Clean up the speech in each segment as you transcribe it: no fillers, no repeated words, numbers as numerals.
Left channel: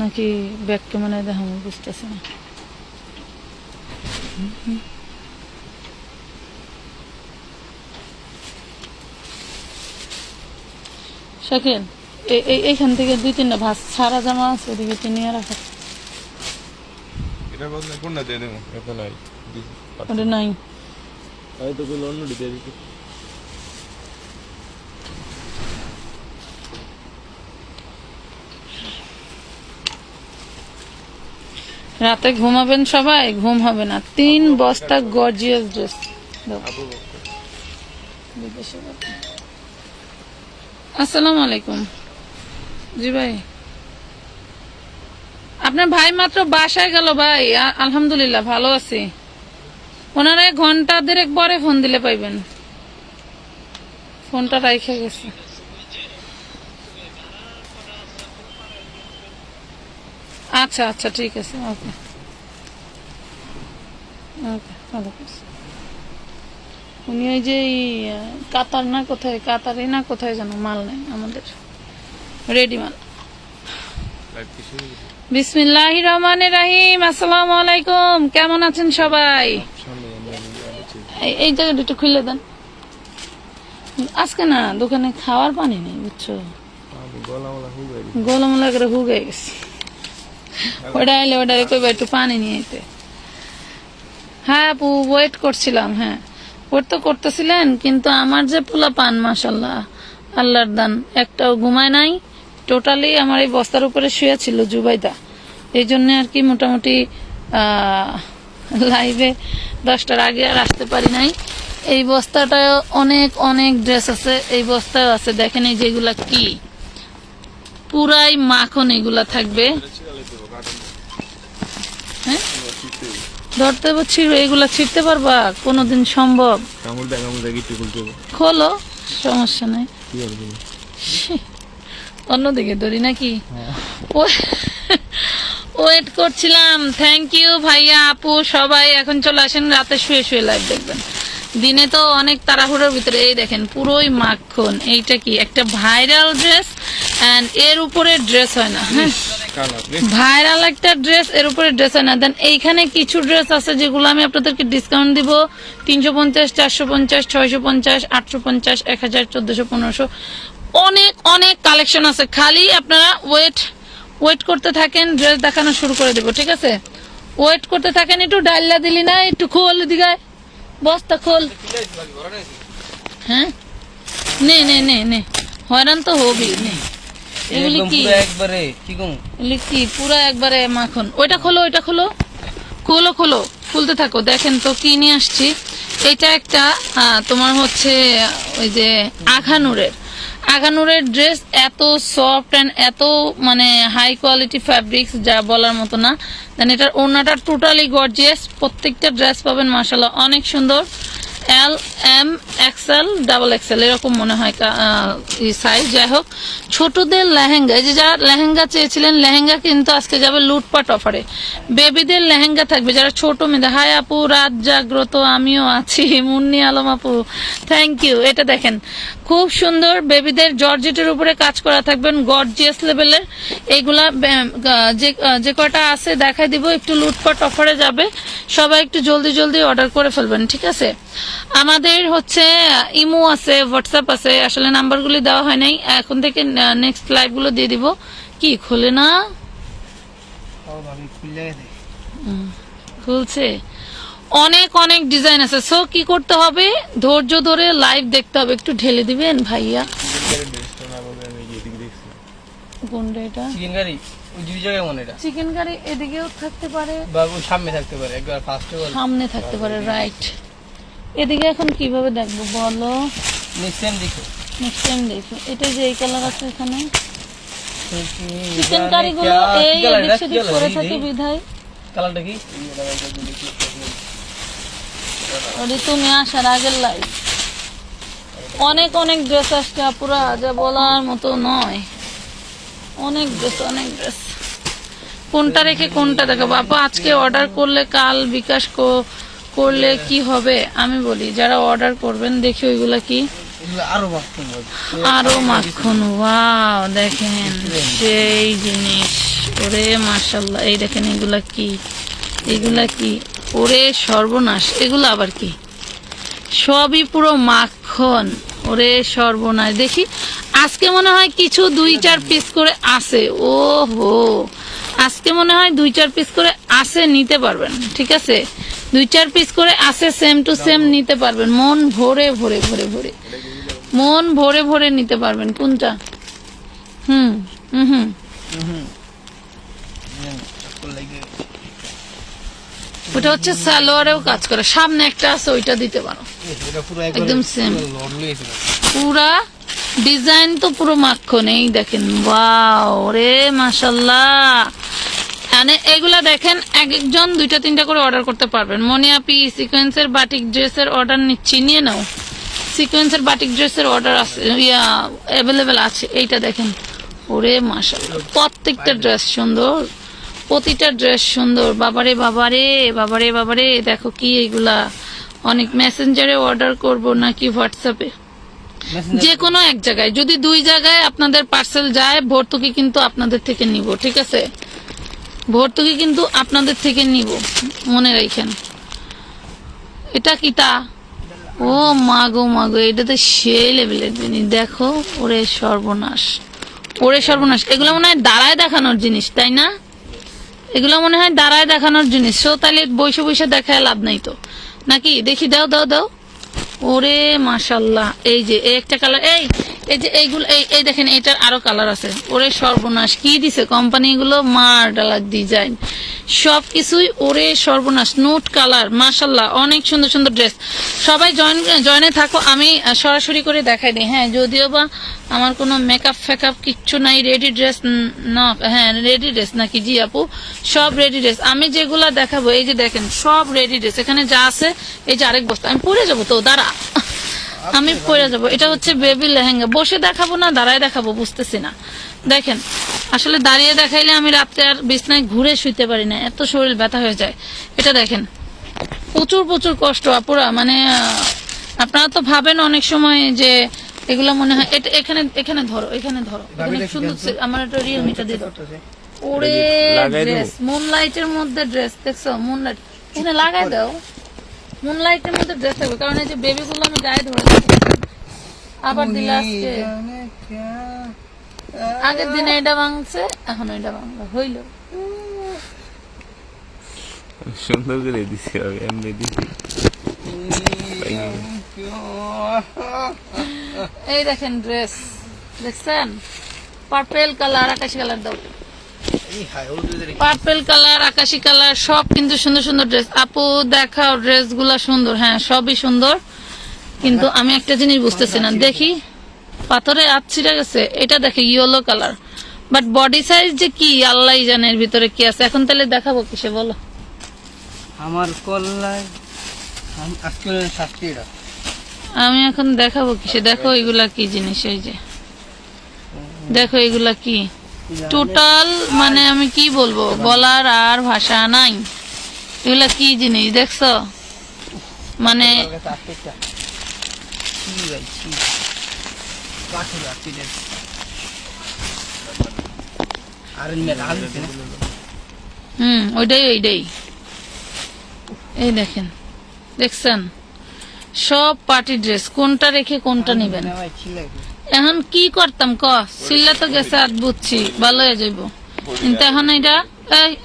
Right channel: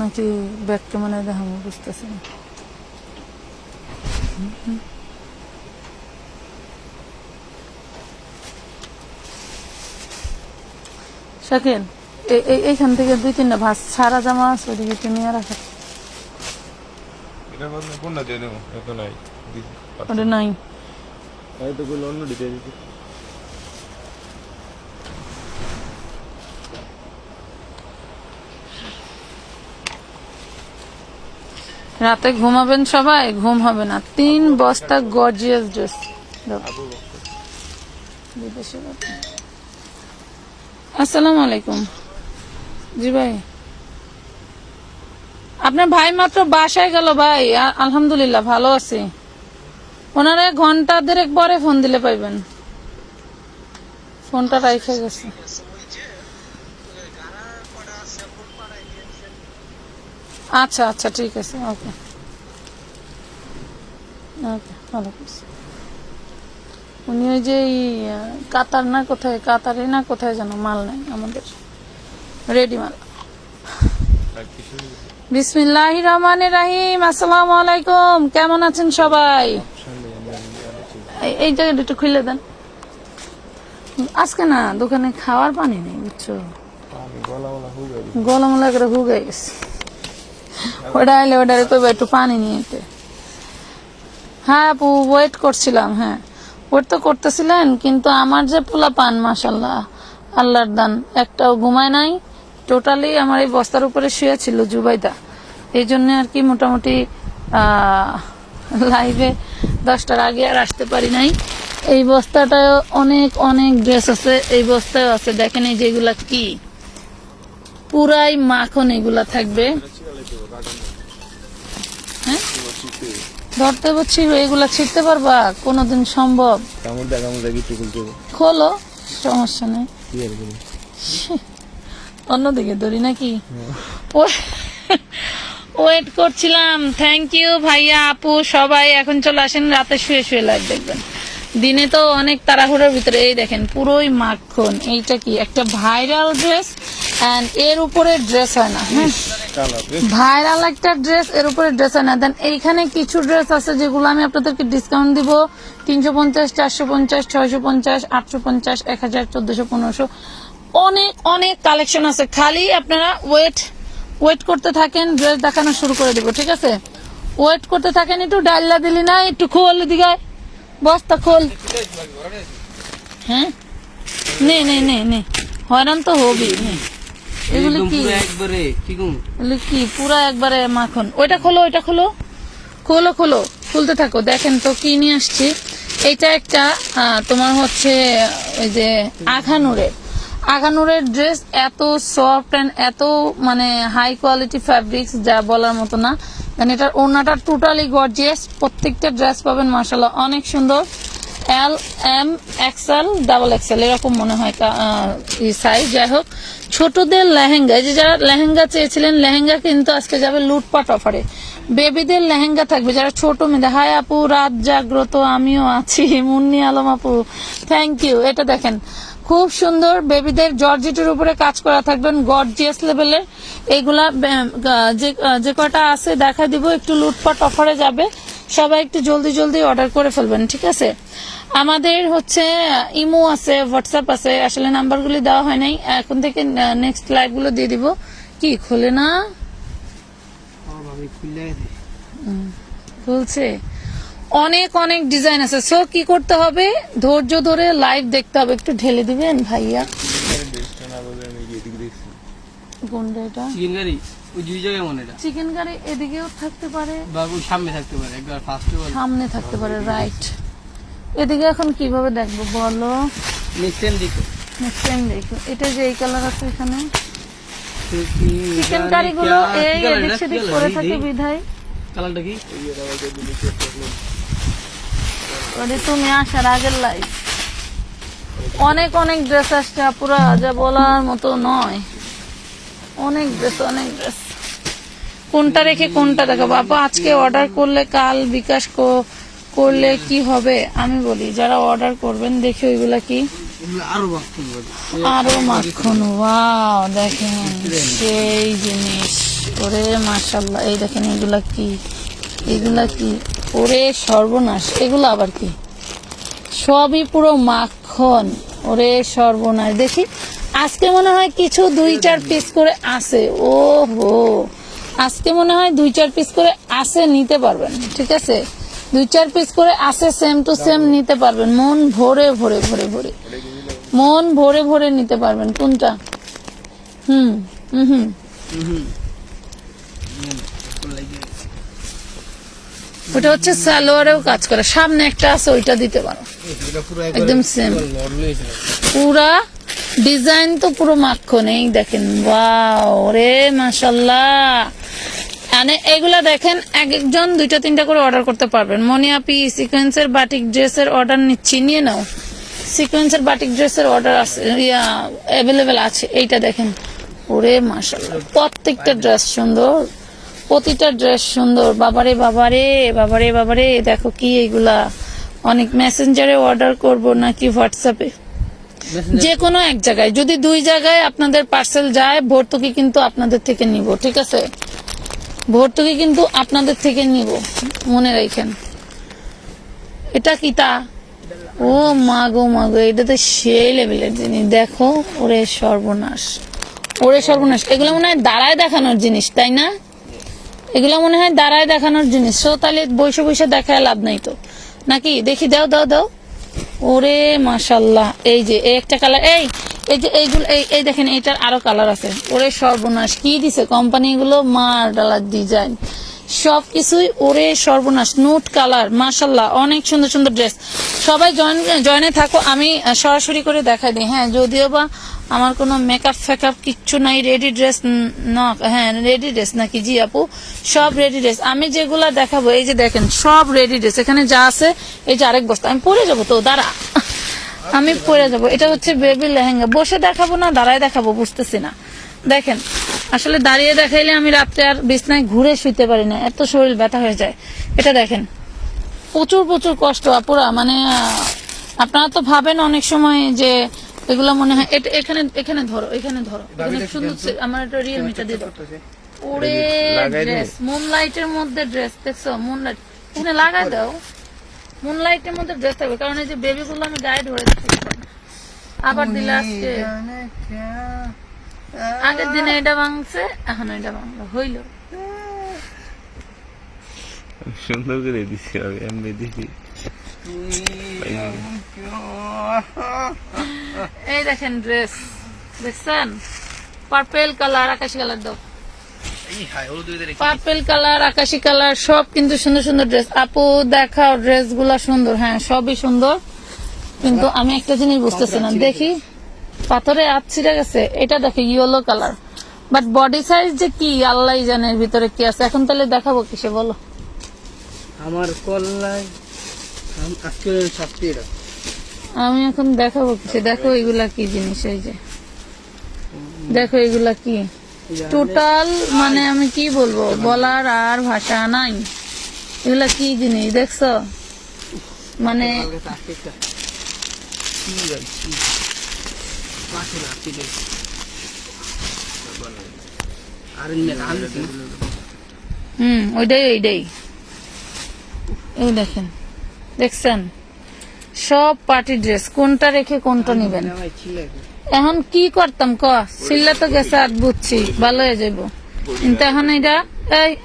নাকি ব্যাক ক্যামেরায় দেখাবো বুঝতেছি না। শাকিল এইখান থেকে 2-3টা ভাঁজ সারা জামা আছে ওদিকে নিয়ে রাখা। ওটা নাই রাতে ঘুমাবেন সবাই, ঘুম হবে না। 3 বস্তা গর্জিয়াস ড্রেস। আসসালামু আলাইকুম। জি ভাই, আপনার ভাই মাত্র বাসায় গেল ভাই। আলহামদুলিল্লাহ ভালো আছি। ওনারে ঘন্টা 1.5 পরে ফোন দিলে পাইবেন। ফোনটা রাইখে গেছে। আচ্ছা আচ্ছা ঠিক আছে, ওকে ওকে ভালো করছে। উনি ওই যে কাতার না কোথায়, কাতারে না কোথায় যেন মাল নাই আমাদের, রেডি মাল। বিসমিল্লাহির রহমানির রহিম। আসসালামু আলাইকুম, কেমন আছেন সবাই? এই জায়গাটা একটু খুলে দেন। আজকে না দোকানে খাওয়ার পানি নেই বুঝছো, গলামলা করে হুগাই গেছে। ওটা আইলে ওটারে কইবা একটু পানি নিয়ে যেতে। হ্যাঁ আপু ওয়েট করছিলাম। হ্যাঁ ওয়েট তো করতেছিলেন, কিন্তু আমার যে পোলা পান মাশাল্লাহ আল্লাহর দান, একটাও ঘুমায় নাই। টোটালি আমার এই বস্তার উপরে শুয়ে ছিল জুবাইদা। এই জন্য আর কি মোটামুটি লাইভে 10টার আগে আর আসতে পারি নাই। এই বস্তাটায় অনেক অনেক ড্রেস আছে, এই বস্তায় আছে। দেখেন এই যেগুলা কি পুরাই মাখন, এগুলা থাকবে। হ্যাঁ ধরতে পারছি, এগুলা ছিটতে পারবা কোনোদিন সম্ভব? খোলো, সমস্যা নেই। অন্যদিকে ধরি নাকি? ওয়েট করছিলাম। থ্যাংক ইউ ভাইয়া আপু সবাই। এখন চলে আসেন, রাতে শুয়ে শুয়ে লাইভ দেখবেন। দিনে তো অনেক তাড়াহুড়োর ভিতরে। এই দেখেন পুরোই মাখন। এইটা কি একটা ভাইরাল ড্রেস, এন্ড এর উপরে ড্রেস হয় না। হ্যাঁ ভাইরাল একটা ড্রেস, এর উপরে ড্রেস হয় না। দেন এইখানে কিছু ড্রেস আছে যেগুলো আমি আপনাদেরকে ডিসকাউন্ট দিব। 350, 450, 650, 850, 1000, 1400, 1500, অনেক অনেক কালেকশন আছে। খালি আপনারা ওয়েট করতে থাকেন, ড্রেস দেখানো শুরু করে দেবো। ঠিক আছে, ওয়েট করতে থাকেন। একটু ডাইলা দিলি না, একটু খোল দিঘায় বস্তা খোল। হ্যাঁ নে নে নে নে, হয়রান তো হবি। নে এগুলি কি কি পুরা একবারে মাখন। ওইটা খোলো, ওইটা খোলো, খোলো খোলো, খুলতে থাকো। দেখেন তো কি নিয়ে আসছি। এটা একটা তোমার হচ্ছে ওই যে আঘানুরের ড্রেস। এত সফট এন্ড এত মানে হাই কোয়ালিটি ফ্যাব্রিক্স যা বলার মতো না। দেন এটার ওড়নাটা টোটালি গর্জিয়াস। প্রত্যেকটা ড্রেস পাবেন মাশাআল্লাহ অনেক সুন্দর। এল, এম, এক্সেল, ডাবল এক্সেল এরকম মনে হয় সাইজ। যাই হোক, ছোটদের লেহেঙ্গা, যে যারা লেহেঙ্গা চেয়েছিলেন, লেহেঙ্গা কিন্তু আজকে যাবে লুটপাট অফারে। বেবিদের লেহেঙ্গা থাকবে যারা ছোট মেয়েদের। হাই আপু, রাত জাগ্রত, আমিও আছি। মুন্নি আলম আপু থ্যাংক ইউ। এটা দেখেন খুব সুন্দর, বেবিদের জর্জেটের উপরে কাজ করা থাকবেন, গর্জিয়াস লেভেলের। এইগুলা যে কটা আছে দেখাই দিব। একটু লুটপাট অফারে যাবে, সবাই একটু জলদি জলদি অর্ডার করে ফেলবেন। ঠিক আছে, আমাদের হচ্ছে ইমো আছে, হোয়াটসঅ্যাপ আছে। আসলে নাম্বারগুলি দেওয়া হয় নাই, এখন থেকে নেক্সট লাইভ গুলো দিয়ে দিব। কি খোলে না, খুলছে। অনেক অনেক ডিজাইন আছে। সো কি করতে হবে, ধৈর্য ধরে লাইভ দেখতে হবে। একটু ঢেলে দিবেন ভাইয়া। কোনটা এটা? চিকেন কারি এদিকেও থাকতে পারে, সামনে থাকতে পারে, রাইট। এদিকে এখন কিভাবে দেখবো বলো? নেক্সট টাইম দেখো। এটা যে এই কালার আছে এখানে, চিকেন কারি গুলো এই এদিক সেদিক করে থাকে বিধায়। কালারটা কি? তুমি আসার আগের লাইভ অনেক অনেক ড্রেস আসছে পুরো, যা বলার মতো নয়। অনেক ড্রেস, অনেক ড্রেস। কোনটা রেখে কোনটা দেখাবো আপা? আজকে অর্ডার করলে কাল বিকাশ করলে কি হবে আমি বলি। যারা অর্ডার করবেন দেখি ওইগুলা কি আরো মাখন। ওয়াও দেখেন সেই জিনিস। ওরে মাশাল্লাহ। এই দেখেন এগুলা কি, এগুলা কি, ওরে সর্বনাশ, এগুলো আবার কি, সবই পুরো মাখন। ওরে সর্বনাশ, দেখি আজকে মনে হয় কিছু 2-4 পিস করে আছে। ও হো, আজকে মনে হয় 2-4 পিস করে আছে, নিতে পারবেন। ঠিক আছে, 2-4 পিস করে আছে, সেম টু সেম নিতে পারবেন, মন ভরে ভরে ভরে ভরে, মন ভরে ভরে নিতে পারবেন। কোনটা? হুম হুম হুম ওটা হচ্ছে সালোয়ারেও কাজ করে, সামনে একটা আছে, ওইটা দিতে পারো, একদম সেম পুরা ডিজাইন তো পুরো মাখন। এই দেখেন, ওয়াও রে মাশাল্লাহ। মানে এগুলা দেখেন, এক একজন 2-3টা করে অর্ডার করতে পারবেন। মনিয়াপি সিকোয়েন্সের বাটিক ড্রেসের অর্ডার নিচ্ছি, নিয়ে নাও। সিকোয়েন্সের বাটিক ড্রেসের অর্ডার আছে, অ্যাভেলেবেল আছে। এইটা দেখেন, ওরে মাশাআল্লাহ, প্রত্যেকটা ড্রেস সুন্দর, প্রতিটা ড্রেস সুন্দর। বাবারে বাবারে বাবারে বাবারে, দেখো কি এইগুলা। অনেক মেসেঞ্জারে অর্ডার করব নাকি হোয়াটসঅ্যাপে? যে কোনো এক জায়গায়, যদি 2 জায়গায় আপনাদের পার্সেল যায়, ভর্তুকি কিন্তু আপনাদের থেকে নিব। ঠিক আছে, ভর্তুকি কিন্তু আপনাদের থেকে নিব, মনে রাখেন। এটা কি তা? ও মাগো মাগো, এটা তো সেই লেভেলের জিনিস। দেখো, ওরে সর্বনাশ, ওরে সর্বনাশ। এগুলো মনে হয় দাঁড়ায় দেখানোর জিনিস, তাই না? এগুলো মনে হয় দাঁড়ায় দেখানোর জিনিস। সো তাহলে বসে বসে দেখায় লাভ নাই তো, নাকি? দেখি, দাও দাও দাও। ওরে মাশাল্লাহ, এই যে এই একটা কালার, এই এই যে এইগুলো, এই দেখেন, এটার আরো কালার আছে। ওরে সর্বনাশ, কি দিছে কোম্পানি গুলো, মার ডালার ডিজাইন সবকিছুই। ওরে সর্বনাশ, নোট কালার, মাশাল্লাহ, অনেক সুন্দর সুন্দর ড্রেস। সবাই জয়েনে থাকো, আমি সরাসরি করে দেখাই দিই। হ্যাঁ, যদিও বা আমার কোনো মেকআপ ফেকআপ কিচ্ছু নাই, রেডি ড্রেস না। হ্যাঁ, রেডি ড্রেস নাকি? জি আপু, সব রেডি ড্রেস। আমি যেগুলা দেখাবো, এই যে দেখেন, সব রেডি ড্রেস। এখানে যা আছে, এই যে আরেক বস্তা, আমি পরে যাবো তো, দাঁড়া, আমি পরে যাবো। এটা হচ্ছে বেবি লেহেঙ্গা। বসে দেখাবো না দাঁড়ায় দেখাবো, বুঝতেছি না। দেখেন, আসলে দাঁড়িয়ে দেখাইলে আমি রাত্রে আর বিছনায় ঘুরে শুইতে পারি না, এত শরীর ব্যথা হয়ে যায়। এটা দেখেন, প্রচুর প্রচুর কষ্ট আপুরা। মানে আপনারা তো ভাবেন অনেক সময় যে এগুলা মনে হয়, এখানে এখানে ধরো, এখানে ধরো, এখানে সুন্দর। আমার একটা রিয়েলমিটা দিয়ে দাও। ওরে ড্রেস, মুনলাইটের মধ্যে ড্রেস, দেখছো? মুনলাইট এখানে লাগাই দাও, মুনলাইটের মধ্যে ড্রেস থাকবে। কারণ এই যে বেবি গুলো আমি গায়ে ধরে আবার দিলে আজকে, আগের দিনে এটা ভাঙছে, এখন এটা ভাঙলো, হইল। সুন্দর করে দিছি, আমি এমনি দিছি। এই দেখেন ড্রেস, দেখছেন? পার্পেল কালার, আকাশি কালার দাও, পার্পেল কালার, আকাশি কালার, সব কিন্তু সুন্দর সুন্দর ড্রেস। আপু দেখাও ড্রেস গুলা সুন্দর। হ্যাঁ, সবই সুন্দর, কিন্তু আমি একটা জিনিস বুঝতেছি না। দেখি, পাথরে হাত ছিঁড়ে গেছে। এটা দেখে yellow colour, but body size যে কি আল্লাহ জানে এর ভিতরে কি আছে। এখন তাহলে দেখাবো কিসে বলো? আমার কল্যাণ আজকে শাস্তি। আমি এখন দেখাবো কিসে? দেখো এগুলা কি জিনিস, এই যে দেখো এগুলা কি টোটাল, মানে আমি কি বলবো, বলার আর ভাষা নাই। এগুলা কি জিনিস দেখছো? মানে ওইটাই ওইটাই। এই দেখেন, দেখছেন? সব পার্টি ড্রেস, কোনটা রেখে কোনটা নিবেন? এখন কি করতাম ক? সিল্লা তো গেছে, আর বুঝছি ভালো হয়ে যাইব, কিন্তু এখন এটা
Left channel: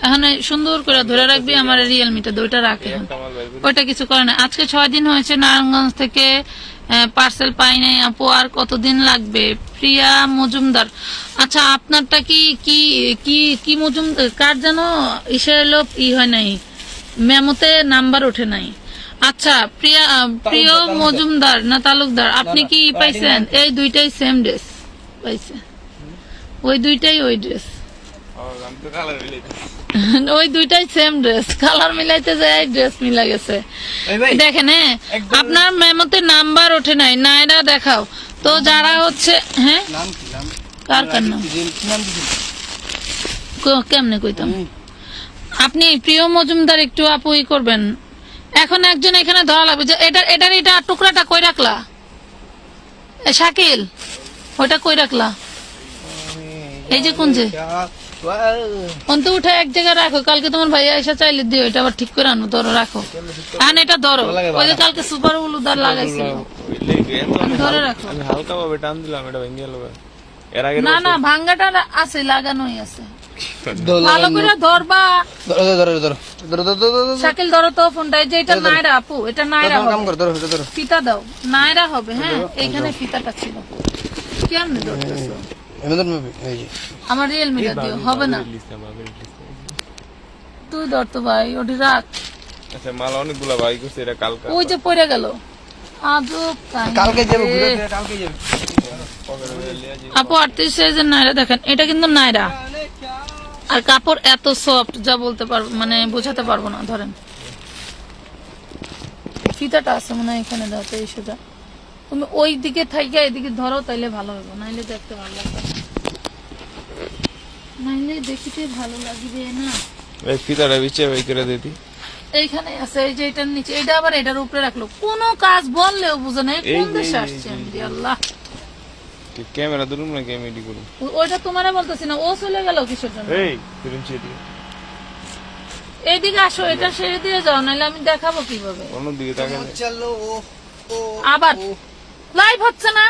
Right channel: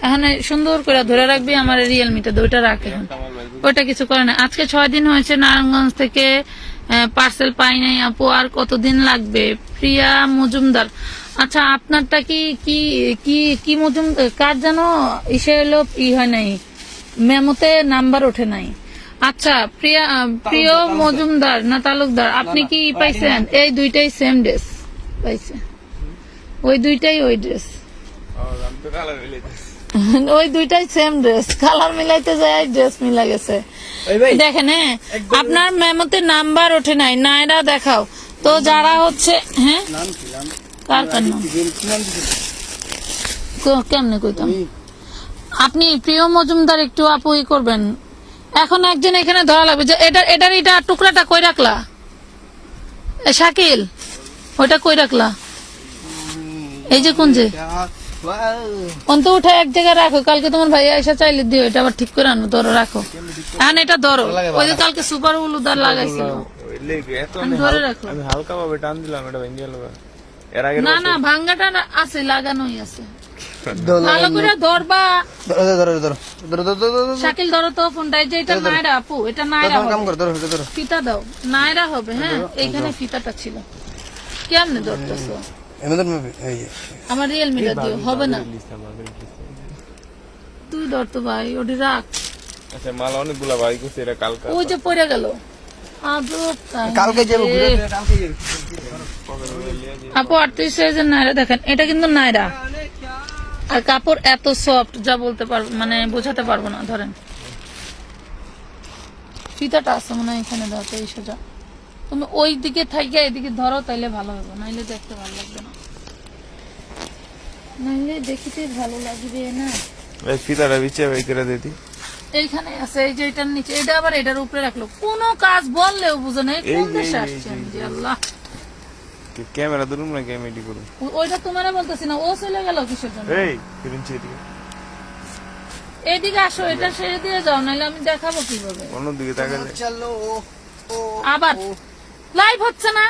এখন সুন্দর করে ধরে রাখবি। আমার রিয়েলমিটা দুইটা রাখে, এখন ওইটা কিছু করে না। আজকে 6 দিন হয়েছে নারায়ণগঞ্জ থেকে পার্সেল পাই নাই আপু, আর কতদিন লাগবে? প্রিয়া মজুমদার। আচ্ছা, আপনারটা কি কি কি কি মজুমদার, কার যেন ইসে এলো, হয় নাই, মেমোতে নাম্বার ওঠে নাই। আচ্ছা, প্রিয় মজুমদার না তালুকদার, আপনি কি পাইছেন? এই দুইটাই সেম ড্রেস পাইছে, ওই দুইটাই ওই ড্রেস, ওই দুইটাই সেম ড্রেস। কালার মিলাইতে যায়, ড্রেস মিলা গেছে। দেখেন, হ্যাঁ, আপনার মেমোতে নাম্বার ওঠে নাই, নাইরা দেখাও তো। যারা হচ্ছে, হ্যাঁ, কার কার নাম কেমনে কইতাম? আপনি প্রিয় মজুমদার একটু আপু ই করবেন। এখন একজন এখানে ধরা লাগবে যে এটা টুকরাটা কই রাখলা? শাকিল, ওইটা কই রাখলা? এই যে কোন যে অন্ত উঠে এক জায়গায় রাখো, কালকে তোমার ভাইয়া এসে চাইলে দিও, এটা আবার ঠিক করে আনো, ধরো রাখো, আন এটা ধরো, ওই যে কালকে সুপার উলুদার লাগাইছিল, ধরে রাখো। আমি হালকা ভাবে টান দিলাম, এটা ভেঙে গেল। এর আগে না না, ভাঙ্গাটা আছে, লাগানোই আছে, ভালো করে ধরবা। শাকিল ধরো তো ফোনটা, এই যে এটা নাইরা আপু, এটা নাইরা হবে, ফিতা দাও, নাইরা হবে। হ্যাঁ, এইখানে ফিতাটা ছিল, কেমনে ধরতেছো? আমার রিয়েলমিটা দিও, হবে না, তুই ধর তো ভাই, ওটি রাখ। আচ্ছা, মাল অনেকগুলা ভাই করছে, এটা কালকা ওই যে পড়ে গেল, আজব কাহিনী। কালকে যাবো ঘুরে, আপু 38 সাইজের নাইরা দেখেন, এটা কিন্তু নাইরা, আর কাপড় এত সফট যা বলতে পারবো, মানে বোঝাতে পারবো না। ধরেন ফিতাটা আছে মনে হয় এখানে, দাও তো এই সোজা, তুমি ওই দিকে থাইকা এদিকে ধরো, তাইলে ভালো হবে, নাইলে দেখতে ভালো লাগবে না, নাইলে দেখিতে ভালো লাগবে না। এই ফিতাটা বিচে ভাই করে দিতি। এইখানে আছে, এই যে এটার নিচে, এটা আবার এটার উপরে রাখলো, কোনো কাজ বললেও বুঝে না, কোন দেশে আসছে আমি, আল্লাহ। ক্যামেরা ধরুন না, ক্যামেরা করুন। ওইটা তোমারে বলতেছি না, ও চলে গেল কিসের জন্য? এই ফিরুন এদিকে, এইদিকে আসো, এটা ছেড়ে দিয়ে যাও, নাহলে আমি দেখাবো কিভাবে। অন্যদিকে তাকালে চলো। আবার লাইভ হচ্ছে না,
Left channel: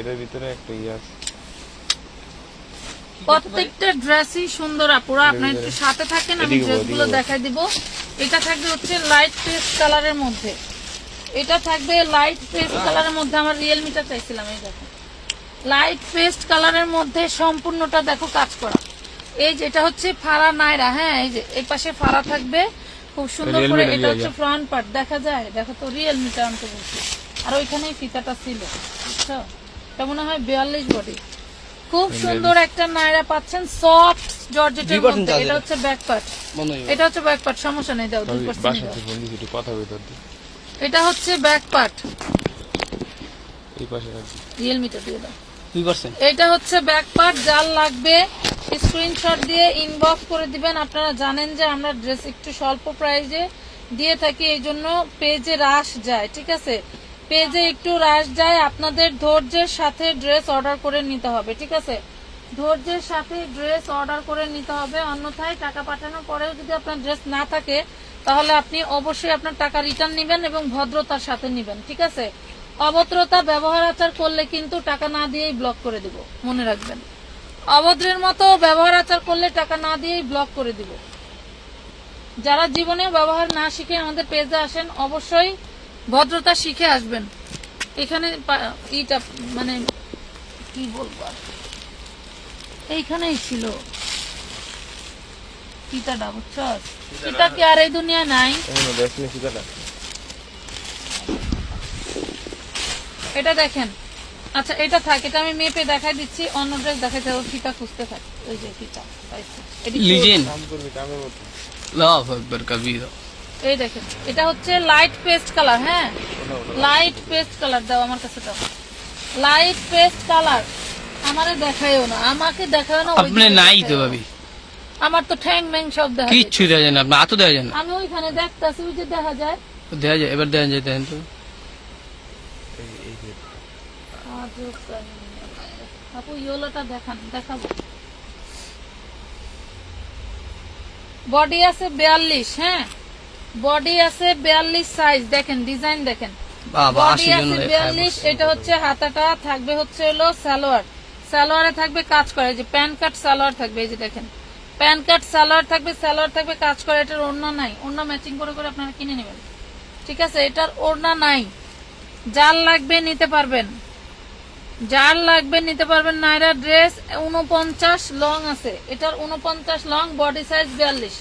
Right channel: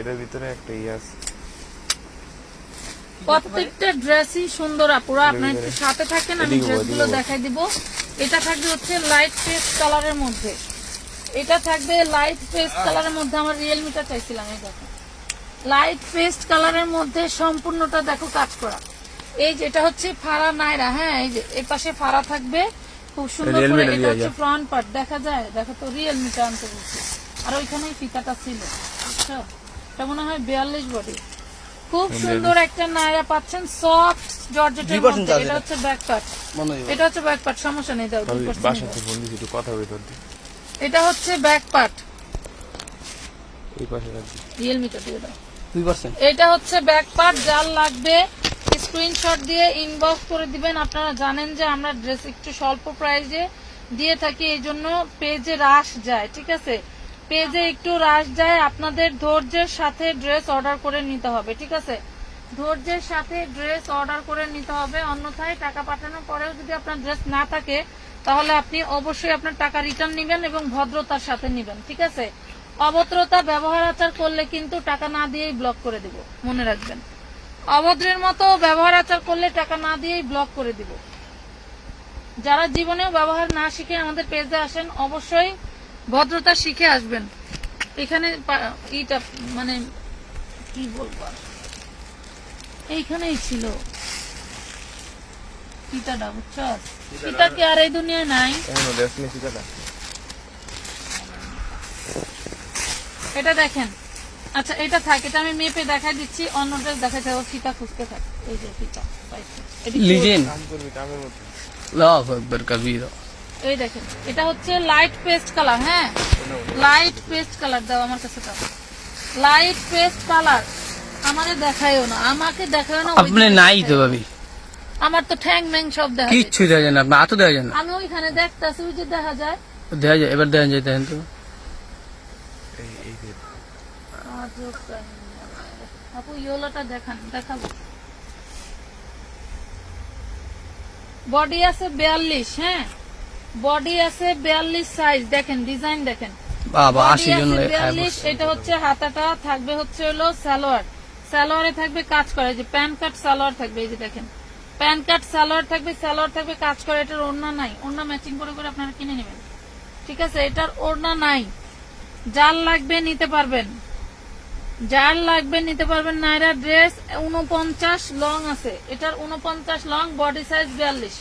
এটার ভিতরে একটা ইয়ে আছে। প্রত্যেকটা ড্রেসই সুন্দর আপুরা, আপনার একটু সাথে থাকেন, আমি ড্রেসগুলো দেখাই দিব। এটা থাকবে হচ্ছে লাইট পেস্ট কালারের মধ্যে, এটা থাকবে লাইট পেস্ট কালারের মধ্যে, আমার রিয়েলমিটা চাইছিলাম, এই দেখো লাইট পেস্ট কালারের মধ্যে সম্পূর্ণটা দেখো কাজ করা। এই যে এটা হচ্ছে ফাড়া নাইরা, হ্যাঁ এই যে এই পাশে ফাড়া থাকবে খুব সুন্দর করে, এটা হচ্ছে ফ্রন্ট পার্ট, দেখা যায়, দেখো তো রিয়েলমিটা আনতে বলছি, আর ওইখানেই ফিতাটা ছিল, বুঝছো? এটা মনে হয় 42 বডি, খুব সুন্দর একটা নাইরা পাচ্ছেন, সফট জর্জেটের মধ্যে। এটা হচ্ছে ব্যাক পার্ট, এটা হচ্ছে ব্যাক পার্ট, সমস্যা নেই, দাও 2% বাসা থেকে ফোন দিছি, একটু কথা বলতে দিই। এটা হচ্ছে ব্যাক পার্ট, এই পাশে রাখছি, রিয়েলমিটা দিয়ে দাও। 2%। এটা হচ্ছে ব্যাক পার্ট, যার লাগবে স্ক্রিনশট দিয়ে ইনবক্স করে দিবেন। আপনারা জানেন যে আমরা ড্রেস একটু স্বল্প প্রাইসে দিয়ে থাকি, এই জন্য পেজে রাশ যায়, ঠিক আছে, পেজে একটু রাশ যায়, আপনাদের ধৈর্যের সাথে ড্রেস অর্ডার করে নিতে হবে, ঠিক আছে, ধৈর্যের সাথে ড্রেস অর্ডার করে নিতে হবে, অন্যথায় টাকা পাঠানোর পরেও যদি আপনার ড্রেস না থাকে, তাহলে আপনি অবশ্যই আপনার টাকা রিটার্ন নেবেন এবং ভদ্রতার সাথে নেবেন, ঠিক আছে। অভদ্রতা ব্যবহার আচার করলে কিন্তু টাকা না দিয়েই ব্লক করে দিব, মনে রাখবেন, অভদ্রের মতো ব্যবহার আচার করলে টাকা না দিয়েই ব্লক করে দিব। যারা জীবনে ব্যবহার না শিখে আমাদের পেজে আসেন, অবশ্যই ভদ্রতা শিখে আসবেন। এখানে ইটা মানে কি বলবো, এইখানেই ছিল ফিতাটা, বুঝছো? ফিতা কি আর এই দুনিয়ায় নাই? এটা দেখেন, আচ্ছা এটা থাক, এটা আমি মেপে দেখাই দিচ্ছি, অন্য ড্রেস দেখাইতে হবে, ফিতা খুঁজতে থাক, এই যে ফিতা, লিজেন্ড লাভ একবার কবিরা। এই দেখেন, এটা হচ্ছে লাইট পেস্ট কালার, হ্যাঁ লাইট পেস্ট কালার, দাও আমার কাছে, দাও লাইট পেস্ট কালার, আমারে দেখায়ও না, আমাকে দেখায়ও না, আপনি নাই তো ভাবি, আমার তো ঠ্যাং ম্যাং সব দেখা যায়। কিচ্ছু দেখা যায় না, আপনি হাতও দেখা যায় না, আমি ওইখানে দেখতেছি, ওই যে দেখা যায়, দেখা যায়, এবার দেখা যায়, দেখেন তো। আপু ইয়েলোটা দেখান, দেখাবো। বডি আছে 42, হ্যাঁ বডি আছে 42 সাইজ, দেখেন ডিজাইন দেখেন, বাবা বডি 80 জন আছে 42। এটা হচ্ছে হাতাটা থাকবে হচ্ছে হলো সালোয়ার, সালোয়ারে থাকবে কাজ করে, যে প্যান্ট কাট সালোয়ার থাকবে, এই যে দেখেন প্যান্ট কাট সালোয়ার থাকবে, সালোয়ার থাকবে কাজ করে। এটার ওড়না নাই, ওড়না ম্যাচিং করে করে আপনারা কিনে নেবেন, ঠিক আছে, এটার ওড়না নাই, যার লাগবে নিতে পারবেন, যার লাগবে নিতে পারবেন। নাইরা ড্রেস 49 লং আছে, এটার 49 long, body size 42,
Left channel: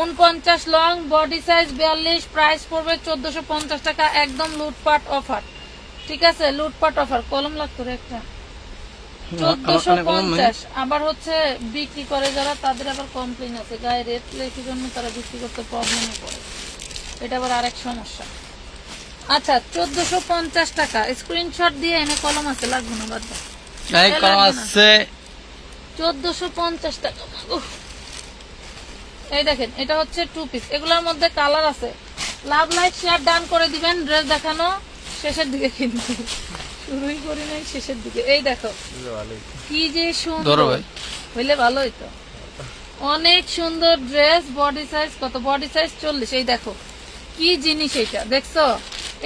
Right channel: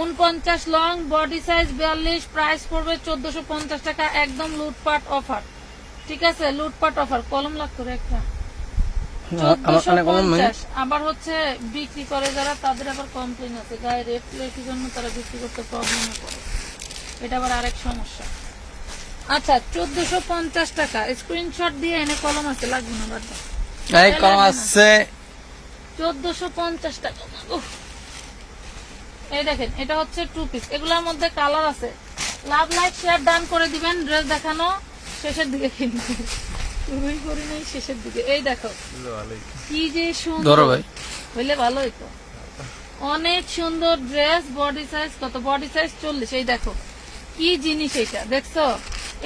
49 long body size 42, price পড়বে 1450 টাকা, একদম লুটপাট অফার, ঠিক আছে, লুটপাট অফার। কলম লাগতো রে একটা, 1450। আবার হচ্ছে বিক্রি করে যারা, তাদের আবার কমপ্লেন আছে, গায়ে রেট রেখে জন্য তারা বিক্রি করতে প্রবলেমে পড়ে, এটা আবার আরেক সমস্যা। আচ্ছা 1450 টাকা, স্ক্রিনশট দিয়ে এনে, কলম আছে, লাগবে না, বাদ দাও, এই কলম আছে 1450 টাকা। উফ। এই দেখেন, এটা হচ্ছে 2 পিস, এগুলোর মধ্যে কালার আছে। লাভ লাইক শেয়ার ডান করে দিবেন, ড্রেস দেখানো শেষের দিকে কিন্তু শুরুই করি নাই শেষের দিকে। এই দেখো ভালোই কি যে ধরো সুন্দর, ভাই। হইলে ভালোই তো। অনেক সুন্দর ড্রেস, বডি সাইজ কত? Body size 40। এই দেখো কি জিনিস এটা, দেখছো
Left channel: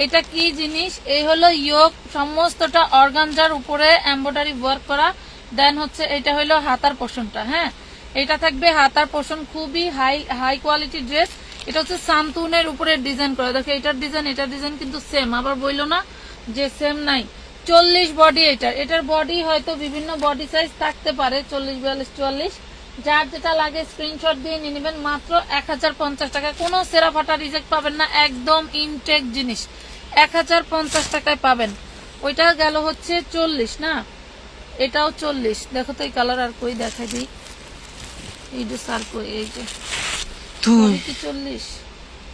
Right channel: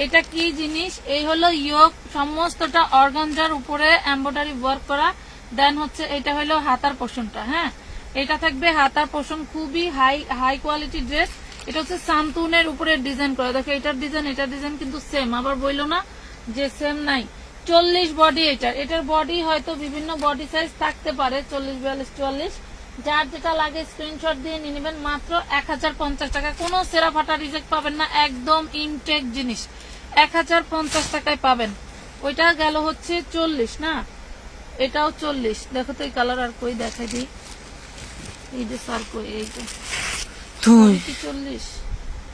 এটা কি জিনিস? এই হলো ইয়োক, সমস্তটা অর্গানজার উপরে এমব্রয়ডারি ওয়ার্ক করা। দেন হচ্ছে এটা হলো হাতার পোর্শনটা, হ্যাঁ এটা থাকবে হাতার পোর্শন, খুবই হাই কোয়ালিটি ড্রেস। এটা হচ্ছে সান্তুনের উপরে ডিজাইন করা। দেখো এটার ডিজাইন কিন্তু সেম, আবার বইলো না যে সেম নাই। 40 বডি এটার বডি হয়তো বিভিন্ন বডি সাইজ থাকতে পারে, 40, 42, 44, যার যেটা লাগে স্ক্রিনশট দিয়ে নিয়ে নেবেন। মাত্র 1050 টাকা, কোনো সেরা ফাটা রিজেক্ট পাবেন না, একদম ইনটেক জিনিস 1050 টাকায় পাবেন। ওইটা গেল হচ্ছে 40 না, এটাও 40। দেখো তো এই কালার আর কই দেখা দিই, এই যে সার কই, এই যে সবই কি 40?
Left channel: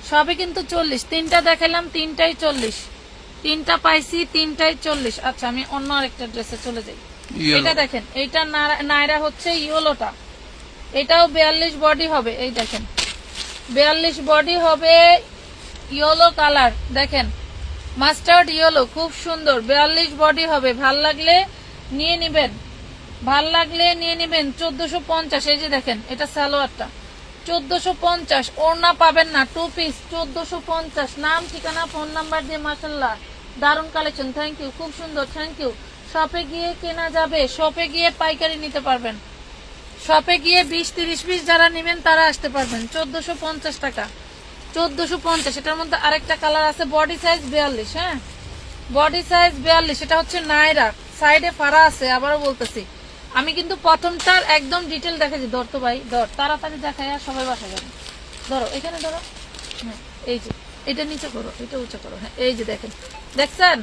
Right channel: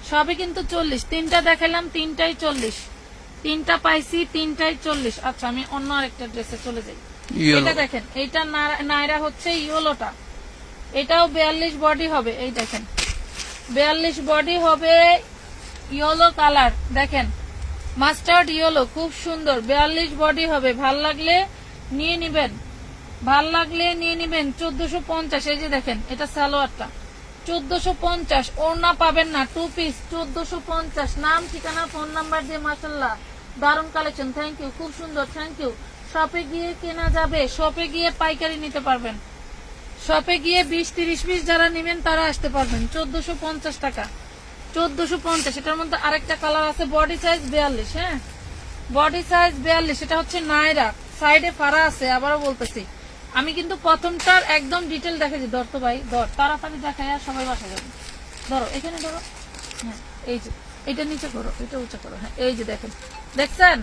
সবই কিন্তু 40। তিনটা দেখালাম, তিনটাই 40। তিনটা পাইছি, তিনটাই 40। আচ্ছা আমি অন্য আরেকটা ড্রেসে চলে যাই। এটা দেখেন, এইটা নায়রা হচ্ছে ইয়েলোটা, এটাও 42 বডি হবে। এই দেখেন 42 বডি হবে, ইয়েলো কালার, দেখেন মাস্টার্ড ইয়েলো, খুব সুন্দর। 42 বডি হবে, ভাল লাগলে নিয়ে নিবেন, ভাল লাগলে নিয়ে নিবেন। 1450। এই যে দেখেন এটা সালোয়ারটা 1450, ওড়না পাবেন না, 2 পিস 1450। নাম ঠিকানা ফোন নাম্বার দিয়ে, মাশাআল্লাহ দারুন কালেকশন, থ্যাংক ইউ, খুব সুন্দর, থ্যাংক ইউ। শপে গিয়ে কেনা যাবে, শপে গিয়ে পাইকারি নিতে পারবেন, শপে গিয়ে 20-30 পিস যারা নেবেন তারা আসতে পারবেন। 1450 টাকা, 1450। এটার মধ্যে আরেকটা কালার আছে, বডি সাইজ 42, হ্যাঁ বডি সাইজ 42। এটা হচ্ছে নায়রা, সাইডে ফাড়া আছে, আবারও বলতেছি আমি কিন্তু প্রথমটার একদম ডিটেল দেখেছি। ধর তো ভাই ধর, তাড়াতাড়ি দেখায় আর সবাই বাসা যাবে। ধরো এখানে ধরো, হ্যাঁ এই যে এটা নিচে করো, এটা উঁচু করো, হ্যাঁ এই যে দেখেন, দেখছেন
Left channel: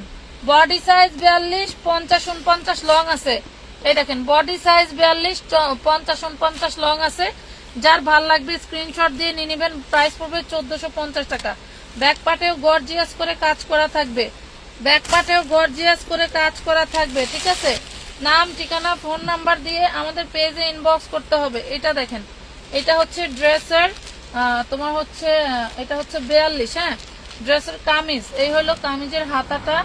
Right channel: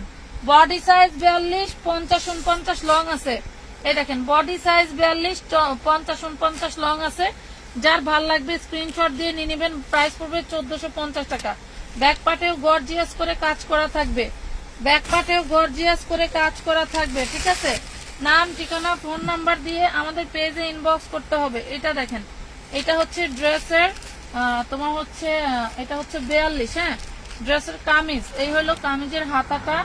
বডি সাইজ 42, 50-49 লং আছে। এই দেখেন বডি সাইজ 42, 50-49 লং আছে। যার ভাল লাগবে স্ক্রিনশট দিয়ে নিয়ে নেবেন। প্রাইস পড়বে 1450 টাকা। ব্যাক পার্টেও গর্জিয়াস করে কাজ করা থাকবে, ব্যাক পার্টেও গর্জিয়াস করে কাজ করা থাকবে, ঠিক আছে। নাম ঠিকানা ফোন নাম্বার দিয়ে আমাদের পেজে ইনবক্স করতে হবে। এটা দেখেন, এটা হচ্ছে ড্রেসের তোমার হচ্ছে এটা হচ্ছে 42, হ্যাঁ ড্রেসের কামিজ। এই হলো কামিজের হাতাটা,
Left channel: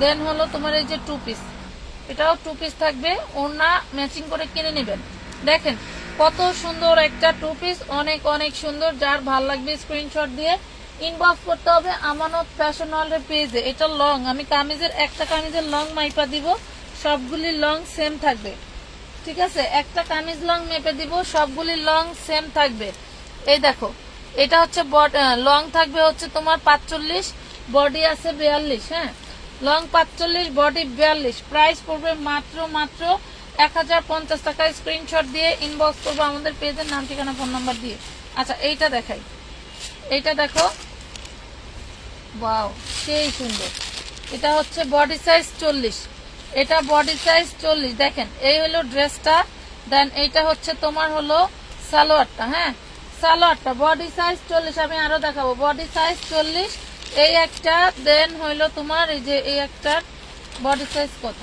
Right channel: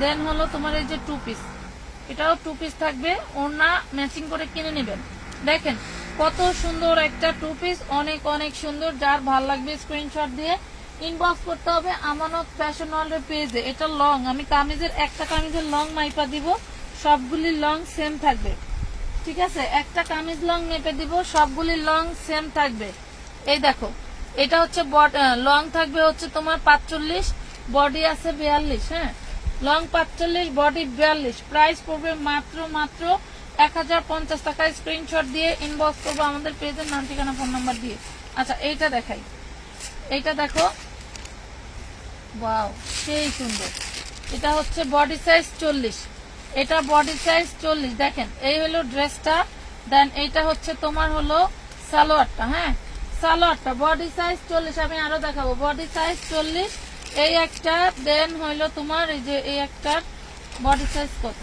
দেন হলো তোমার এই যে 2 পিস, এটাও 2 পিস থাকবে, ওড়না ম্যাচিং করে কিনে নেবেন। দেখেন কত সুন্দর একটা 2 পিস, অনেক অনেক সুন্দর। যার ভাল লাগবে স্ক্রিনশট দিয়ে ইনবক্স করতে হবে আমানত ফ্যাশন ওয়ার্ল্ডের পেজে। এটা লং, আমি কামিজের একটা কামিজের লং মাইপা দিব, সবগুলি লং সেম থাকবে, ঠিক আছে। একটা কামিজ লং মেপে দিব, সবগুলি লং সেম থাকবে। এই দেখো এটা হচ্ছে লং থাকবে হচ্ছে তোমার 45, বডি আছে 42, হ্যাঁ লং 45, বডি 42। প্রাইস পড়বে মাত্র 1050 টাকা। স্ক্রিনশট দিয়ে ইনবক্স করবো আমাদের পেজের নাম ঠিকানা ফোন নাম্বার দিয়ে। আচ্ছা এইটা দেখাই, এইটা দেখো, ওয়াও সেই সুন্দর। এটা হচ্ছে বডি সাইজ 40, এটা বডি সাইজ 40। দেখেন এই হলো ড্রেসটা, দেন এইটা হচ্ছে তোমার হলো সালোয়ারটা, হ্যাঁ সালোয়ারটা বডি সাইজ 40। আমি আরো দেখাবো, বডি সাইজ 40 এই একটা, দেন হইলো তোমার এই যে এই একটা বডি সাইজ কত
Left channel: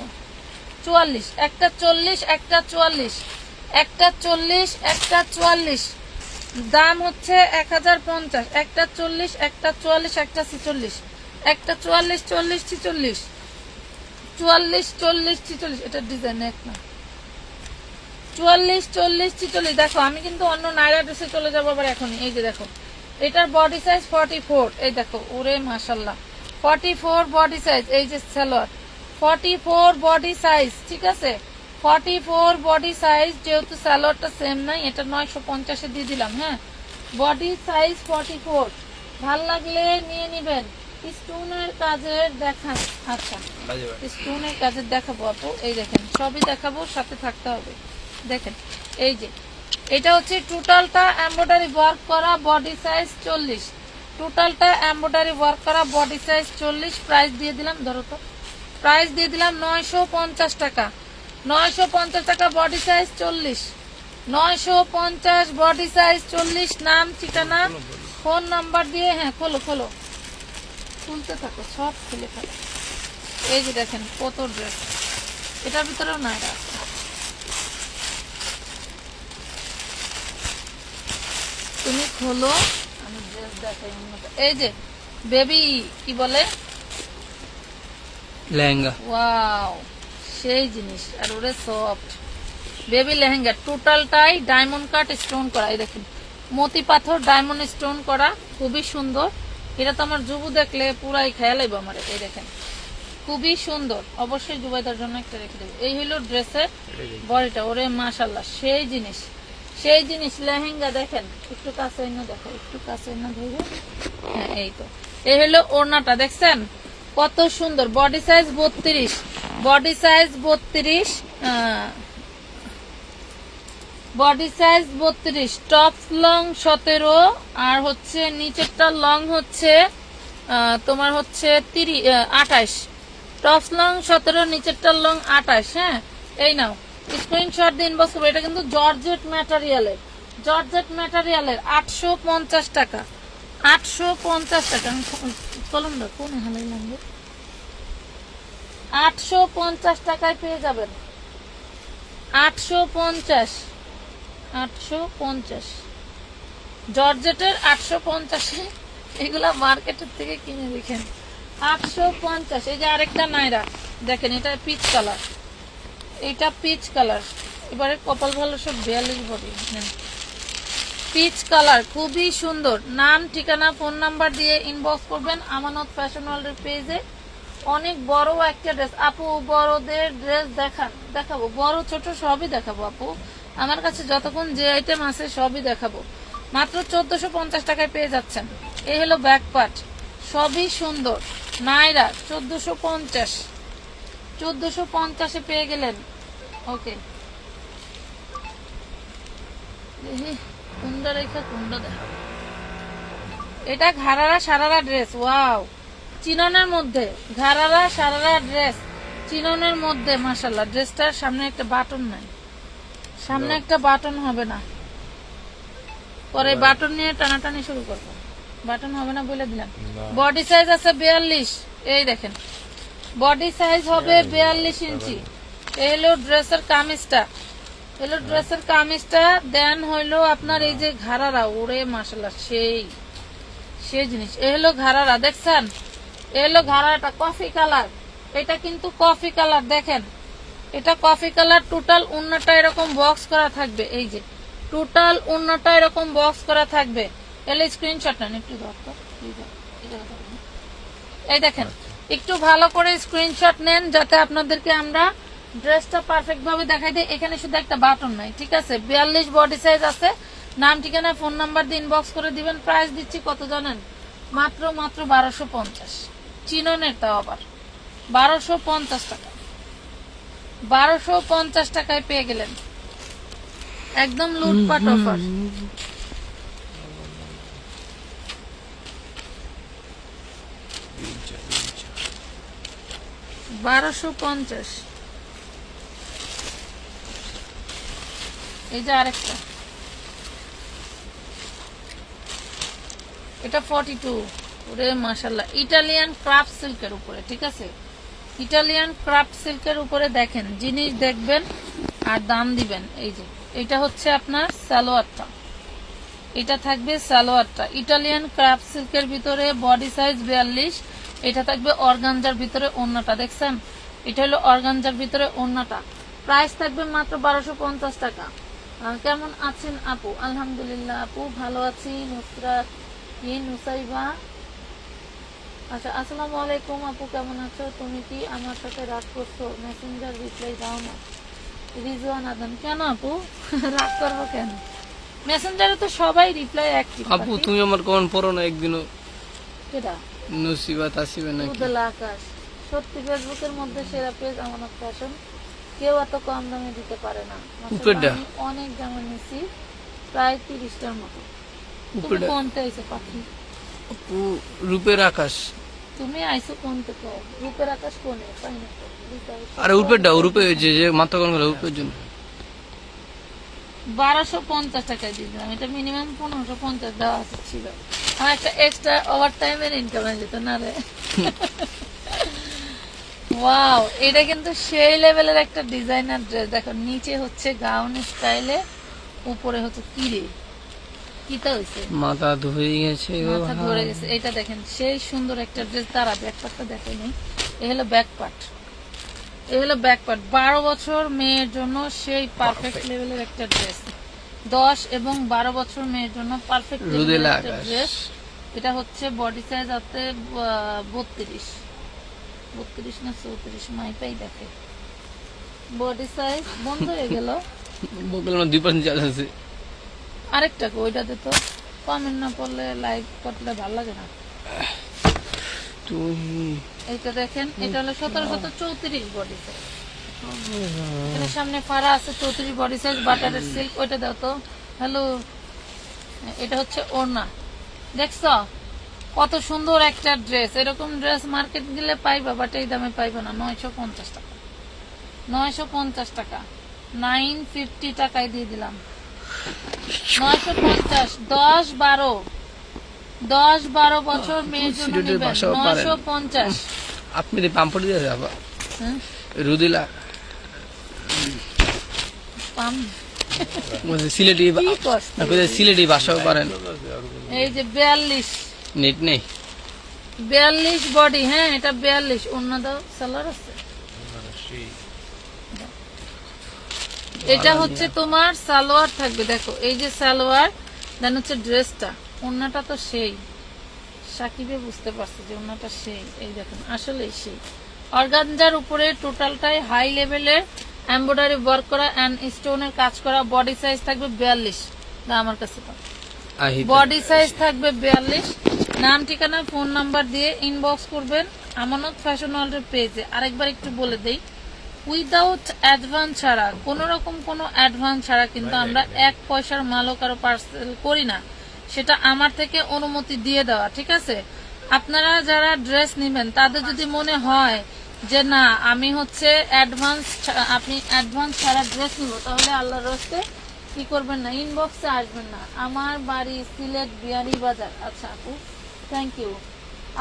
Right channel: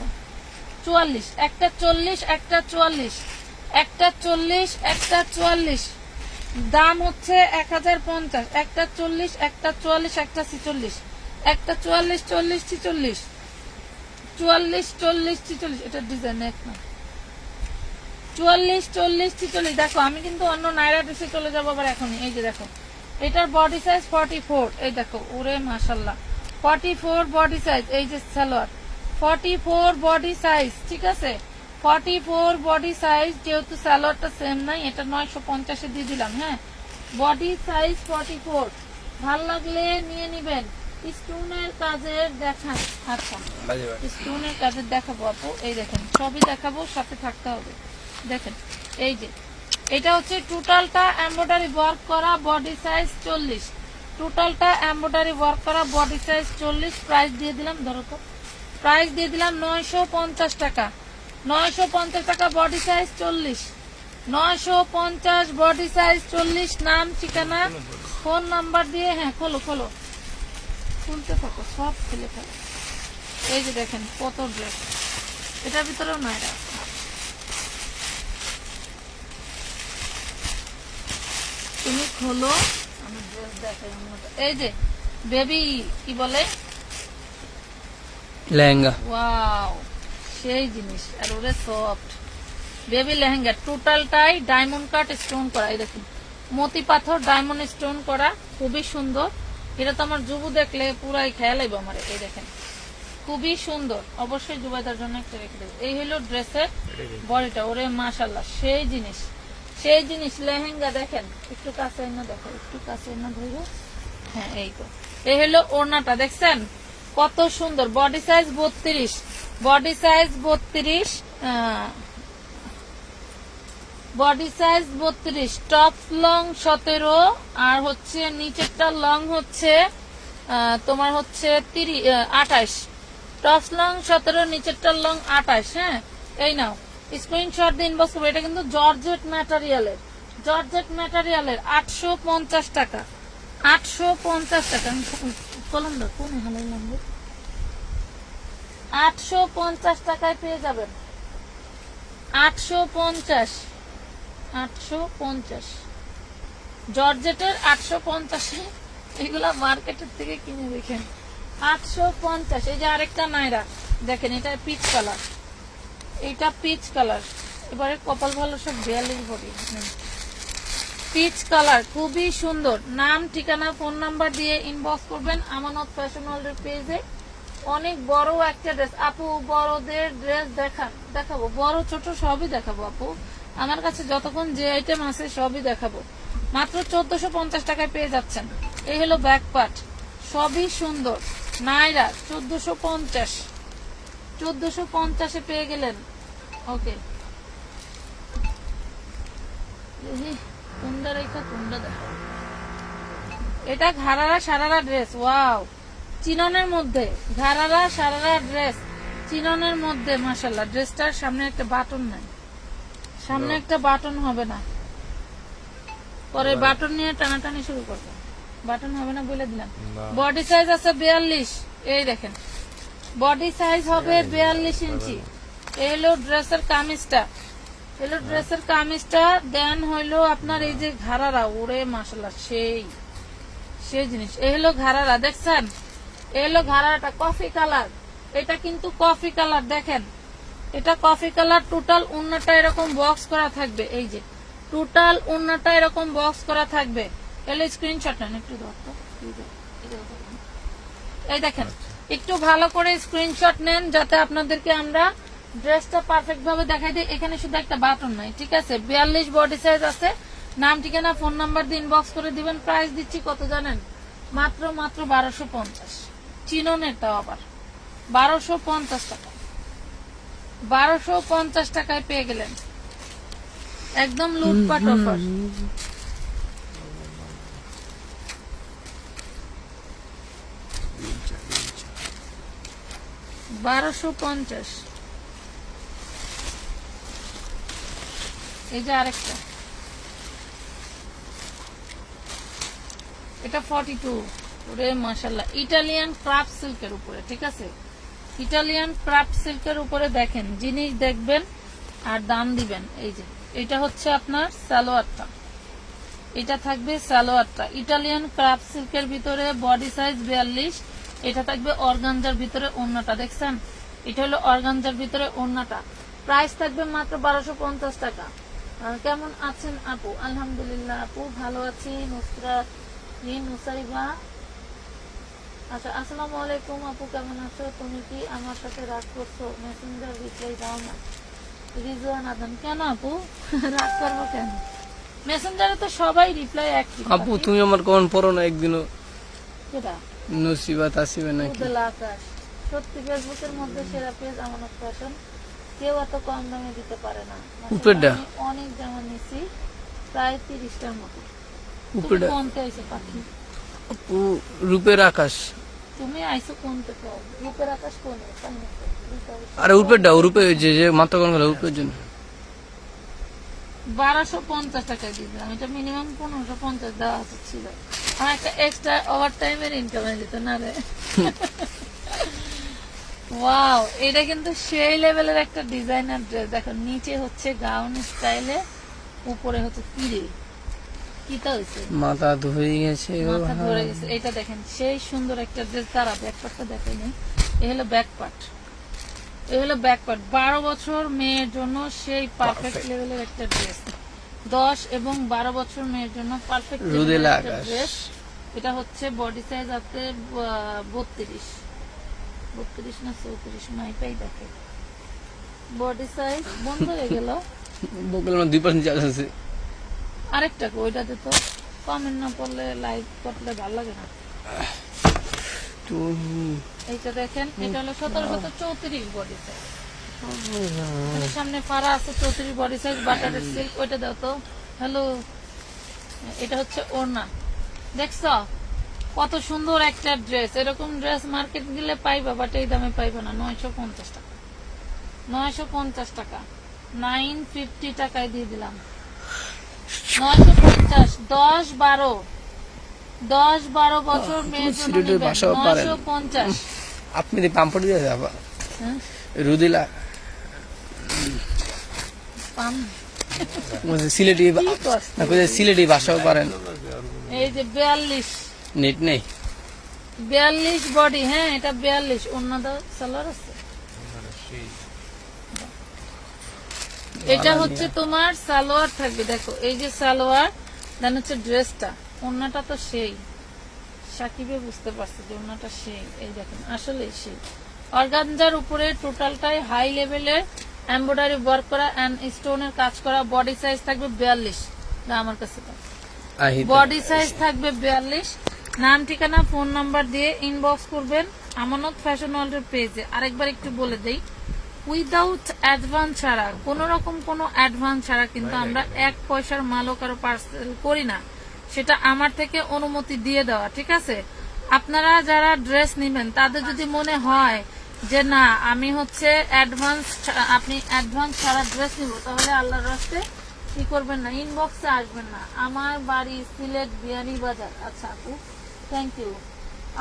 44, একটা 40, একটা 44, একটা 40, একটা 44। দাম হচ্ছে 1050, একটা 40, একটা 44, একটা 46, একটা 44, 40, 46, 44, 40, 46। এটা ডিজাইন এক না, 44, 40, 46। দেখো আমি কিন্তু অন্য নাইরা ড্রেসে চলে যাবো আবার এখন। এই যে দেখো এটার বডি সাইজ 44, এই দেখো ওরে মাশাল্লাহ 44 বডি সাইজ। এই যে সালোয়ার 44 বডি সাইজ, ঠিক আছে 44 বডি সাইজ। যেহেতু সালোয়ারটা সেম নাই, এটা 950 দিয়ে দিলাম, হ্যাঁ বডি সাইজ 44। ভাল লাগলে নিয়ে নিবেন। স্টোনের কাজের দেখা, আচ্ছা স্টোনের কাজের দেখাবো আপু, এই দেখেন সবই দেখাবো, সাথে থাকতে হবে। দেখেন এই যে এটা হচ্ছে টোটালটা এমব্রয়ডারি ওয়ার্ক করা, বডি সাইজ 40, টোটালটা এমব্রয়ডারি ওয়ার্ক করা, বডি সাইজ 40। প্রাইস দিয়ে দিলাম, ধরো তো প্রাইস দিয়ে দিলাম 950 টাকা, 950 টাকা বডি সাইজ 40, 950 বডি সাইজ 40। নাম ঠিকানা ফোন নাম্বার দিয়ে, হ্যাঁ খোলো খোলো, খুলতে থাকো, সব খুলে ফেলো। এই যে দেখেন কত ড্রেস, এটার ভিতরেও না আছে। তুমি খোলো, আমি ড্রেস দেখাই। এই যে বেবি কি বলে লেহেঙ্গা ওয়াও, সেই জিনিস। আর ওরে সফট বেবি লেহেঙ্গা, টোটালটাই ডায়মন্ড কাট স্টোন করা। এই দেখুন মতি পাথর ডায়মন্ড স্টোন করা, খুবই সুন্দর। এটা তো আমার যুবু দেখলে পুরাই খেয়াল আইব আমার। এই দেখেন খুবই সুন্দর, অবশ্যই যুবাইদার জন্য একটা রেখে দেবো। এই হলো ড্রেসের বডিটা, ওরে মাশাল্লাহ সেই জিনিস, সেই জিনিস। লেহেঙ্গা দেখেন, একটু কাছে এনে দেখো, একটু কাছে এনে ধরো। হ্যাঁ এই তো, এই হলো ওড়নাটা, দেখছেন কত সুন্দর। Body size 32, body size 32, body size 32, top long 17, আর হচ্ছে নিচেরটা লং হচ্ছে তোমার হচ্ছে 28। টপ লং 17, নিচেরটা লং 28। হ্যাঁ এই নাও স্ক্রিনশট দিন বস। এটা কিন্তু জর্জেট ম্যাটেরিয়ালের, জর্জেট ম্যাটেরিয়ালের 850 টাকা, 850 টাকা। কলম দাও, কোন হালাই লাগবে? 850 টাকায় পেয়ে যাবেন, 850, 850 জর্জেটের 850। এগুলা মার্কেটের থেকে কিনে দেখেন 850। এই যে আরেকটা নাইরা দেখেন, এটা পিচ কালার, এটা পিচ কালার। এবারে কপাল ভালো সব 42 বডি, পিচ কালার খুবই সুন্দর। নাম ঠিকানা ফোন নাম্বার দিয়ে ইনবক্স করবেন আমানত ফ্যাশন ওয়ার্ল্ডের পেজে। অনেক বড় একটা ড্রেস আপু, বড়দের ড্রেস দেখাবো, বড় ছোট সবই দেখাবো আপু। আমার কাছে যতক্ষণ যে আইটেম আছে সবই দেখাবো। মাত্র 1450 টাকায় পেয়ে যাচ্ছেন। এই হলো ব্যাক পার্ট, সবই সুন্দর। নাইরা 1450, 1450-এ পেয়ে গেলেন। ওকে, কুন্ডা রেখা কুন্ডা দেখা। এটা ঘাড়ারা সারারা ড্রেস, ওয়াও, চিননের মধ্যে ঘাড়ারা সারারা ড্রেস, চিননের মধ্যে মাশাল্লাহ। ড্রেসটার সামনে একটা বাটন নাই, সামনে একটা বাটন হবে না, পরে বাটন নিয়ে টানাটানি শুরু করবে। বাটন হবে না বলে দিলাম। বডি সাইজ আছে 42, এই দেখেন বডি সাইজ হবে 42 ইঞ্চি। এই হলো ড্রেসের কামিজটা, হলো ড্রেসের কামিজটা। দেন হইলো আপনার এই যে ঘাড়ারা, ওরে মাশাল্লাহ সেই সেই জিনিস। এই হলো ঘাড়ারা, দেখছেন এই হলো ঘাড়াটা কফি কালার। এটা কিন্তু কফি কালার, দেখেন এটা কফি কালার। টোটাল উন্নাটা এরকম বক্স করা থাকবে, এই যে টোটাল উন্নাটা এরকম বক্স করা থাকবে। এলে স্ক্রিনশট নেন একটু, এই দেখেন একটু ভালো করে স্ক্রিনশট নেন যাতে আপনাদেরকে আমরা ড্রেসটা পারফেক্ট ভাবে দেখাই দিই। এখানে শুধু একটা বাটন নাই, ঠিক আছে। 42 বডি সাইজ আছে। নাম ঠিকানা ফোন নাম্বার দিয়ে ইনবক্স করে দিবেন। প্রাইস দিচ্ছি কত জানেন? মাত্র 1250। চিননের তাও আবার 1250 টাকা, 1250 টাকায় পেয়ে গেলেন, একদম লুটপাট অফার। $1250। এই যে আরেকটা, এটা 42। ওরে মাশাআল্লাহ, ইটালিয়ান ক্রাফট সিল্কের উপরে, ঠিক আছে। ইটালিয়ান ক্রাফট সিল্কের উপরে দেখেন, জিনিস দেখবেন আর দাম দিবেন। এই যে এটা হচ্ছে আপনার সালোয়ারটা, এটা থাকবে সালোয়ারটা ইটালিয়ান ক্রাফট সিল্কের ভিতরে, বডি সাইজ 42। এটা থাকবে অর্গানজার ভিতরে ওড়নাটা, দেখছেন এটা হলো অর্গানজার ভিতরে ওড়নাটা। প্রাইস থাকবে মাত্র 1250 টাকা। কেমন আছেন আপু? আলহামদুলিল্লাহ আপু ভালো আছি। নুসরাত নুসাইবা, আচ্ছা আসসালামু আলাইকুম আপু, কেমন আছো? তুমি কি আমার সাথে রাগ করছো? মেসেঞ্জার রিপ্লাই দাও না। রিজওয়ান আদম, কেন আপু রাগ করবো কেন? মেসেঞ্জারে তো সবাই রিপ্লাই অ্যাক্টিভ। আপু তুমি আমার কোন পড়ো না একদিনও? কেডা? নসিবাত আসিবে নাকি? উদলা আকাশ। সত্যি ফেসবুকের মধ্যে সেরা পেজ আমানত ফ্যাশন, কেউ এত কম দামে দিতে পারে না। উপরেরটা? আমি অনেক দামে নিছি, প্রায় 30টার মতো। তুমি উপরেরটা? কোনটা আইছো পাখি? আপু রূপের আকাশ। তুমি আইছো কোন থেকে? রূপের আকাশ কোন? তাই না? আরে উপরেরটা, রূপে যে যে মাথা কোন গেল উপরের জন্য 1250 টাকায় দিলাম। এটা মিনিমাম 1550 দেওয়া ছিল। আমার একটা এক্সট্রা ওভার টাইমের ইনকাম হয়ে যেত না রে। ওয়াও, এটা কিন্তু সেই লেভেলের একটা ডিজাইনার ড্রেস। দেখো নিচে হচ্ছে গাউন স্টাইলে, উপরে হচ্ছে কিরে কিটা হয়েছে, মাথা ধুয়ে গেছে গো মাথা ভাই। ধরে গেছে। এটা দেখেন সেই সুন্দর একটা ড্রেস। তারা ব্যাকপারটা দেখাই নাই, এ হলো ব্যাক পার্ট, এ হলো ব্যাক পার্ট। 12 বছর মেয়ের জন্য সেই পারফেক্ট লেভেলের একটা ড্রেস। 10 এবং 12 বছর মেয়ের জন্য পারফেক্ট রুদেলা একটা আকাশ। ড্রেস। এটা হচ্ছে বডি সাইজ আছে 32 না 34, মাইটাই দেখে। বডি সাইজ বন্ধ হয়ে গেল। বকেল আমার 2% চার্জ আছে। আরেকটা কো, ওইটা তো কমেন্ট না পড়লে লাইভ করলে ভালো লাগে না। তুমি এইটা দেখেন, এটা হলো 1734 বডি সাইজ। এর সামনে ফাড়া আছে 34 বডি সাইজ, বাটারের সিল্ক। ওইটা দাও তো। হ্যালো, এটা হচ্ছে ওড়না। দেখছো কত সুন্দর একটা ড্রেস। এরকম ড্রেস মার্কেট গেলে পাইবা, বাট এই দামে পাইবা না। 950 টাকা, 950 টাকা, 950 টাকায় দিয়ে দিলাম। 950, 10-12 বছর মেয়ের জন্য সিলেটের নিবেন, ভাষাও পারেন। 950। আপনি দি পাম্পড় দিয়ে যাবা হুম, রুদেলা কম। বলছে সিলেটি কি কষ্ট। না কইছে সিলেটি ভাষাও পারেন। এই যে 42, নেট নেই 42 বডি। হ্যাঁ, এটা 42। অন্য দাও, সালোয়ার আছে। এটা হচ্ছে তোমার সালোয়ার থাকবে। দেখো এই যে সালোয়ার, দেন হচ্ছে ড্রেসটা। ওন্নাটা তো সেই, সাকিবে বুঝতে পারছে যে ওন্নাটা সেই। এই দেখেন, আসলে সেই অর্গানজার উপরে টোটালটাই হাই লেভেলের এমব্রয়ডারি ওয়ার্ক করা এন্ড স্টোনের কাজ করা। বডি সাইজ থাকবে 42। না, আমার কাছে আহি বডি সাইজ থাকবে 42। নাম, ঠিকানা, ফোন নাম্বার দিয়ে ইনবক্স করবেন আমানত ফ্যাশন ওয়ার্ল্ডের পেজে। আরেকবার একটু বলে দেই, উইদাউট অ্যাডভান্স ছাড়া, কোন রকম কোনো অ্যাডভান্স ছাড়া কিন্তু আমরা 1 পয়সার মালও কারো পার্সেল করি না। সেটা আমার থেকে অনুমতি দিয়ে দেওয়া, ঠিক আছে? আপনারা যারা ড্রেস নেবেন তাদের যদি মনে হয় যে না আমি হচ্ছে আপনি অ্যাডভান্স ছাড়া ড্রেস নিব, তাহলে আল্লাহর রাস্তে কি করবেন না, ইনবক্সে আসবেন না। আমার বাড়ি সিলেট বিয়ানীবাজার। আচ্ছা আপু, থ্যাংক ইউ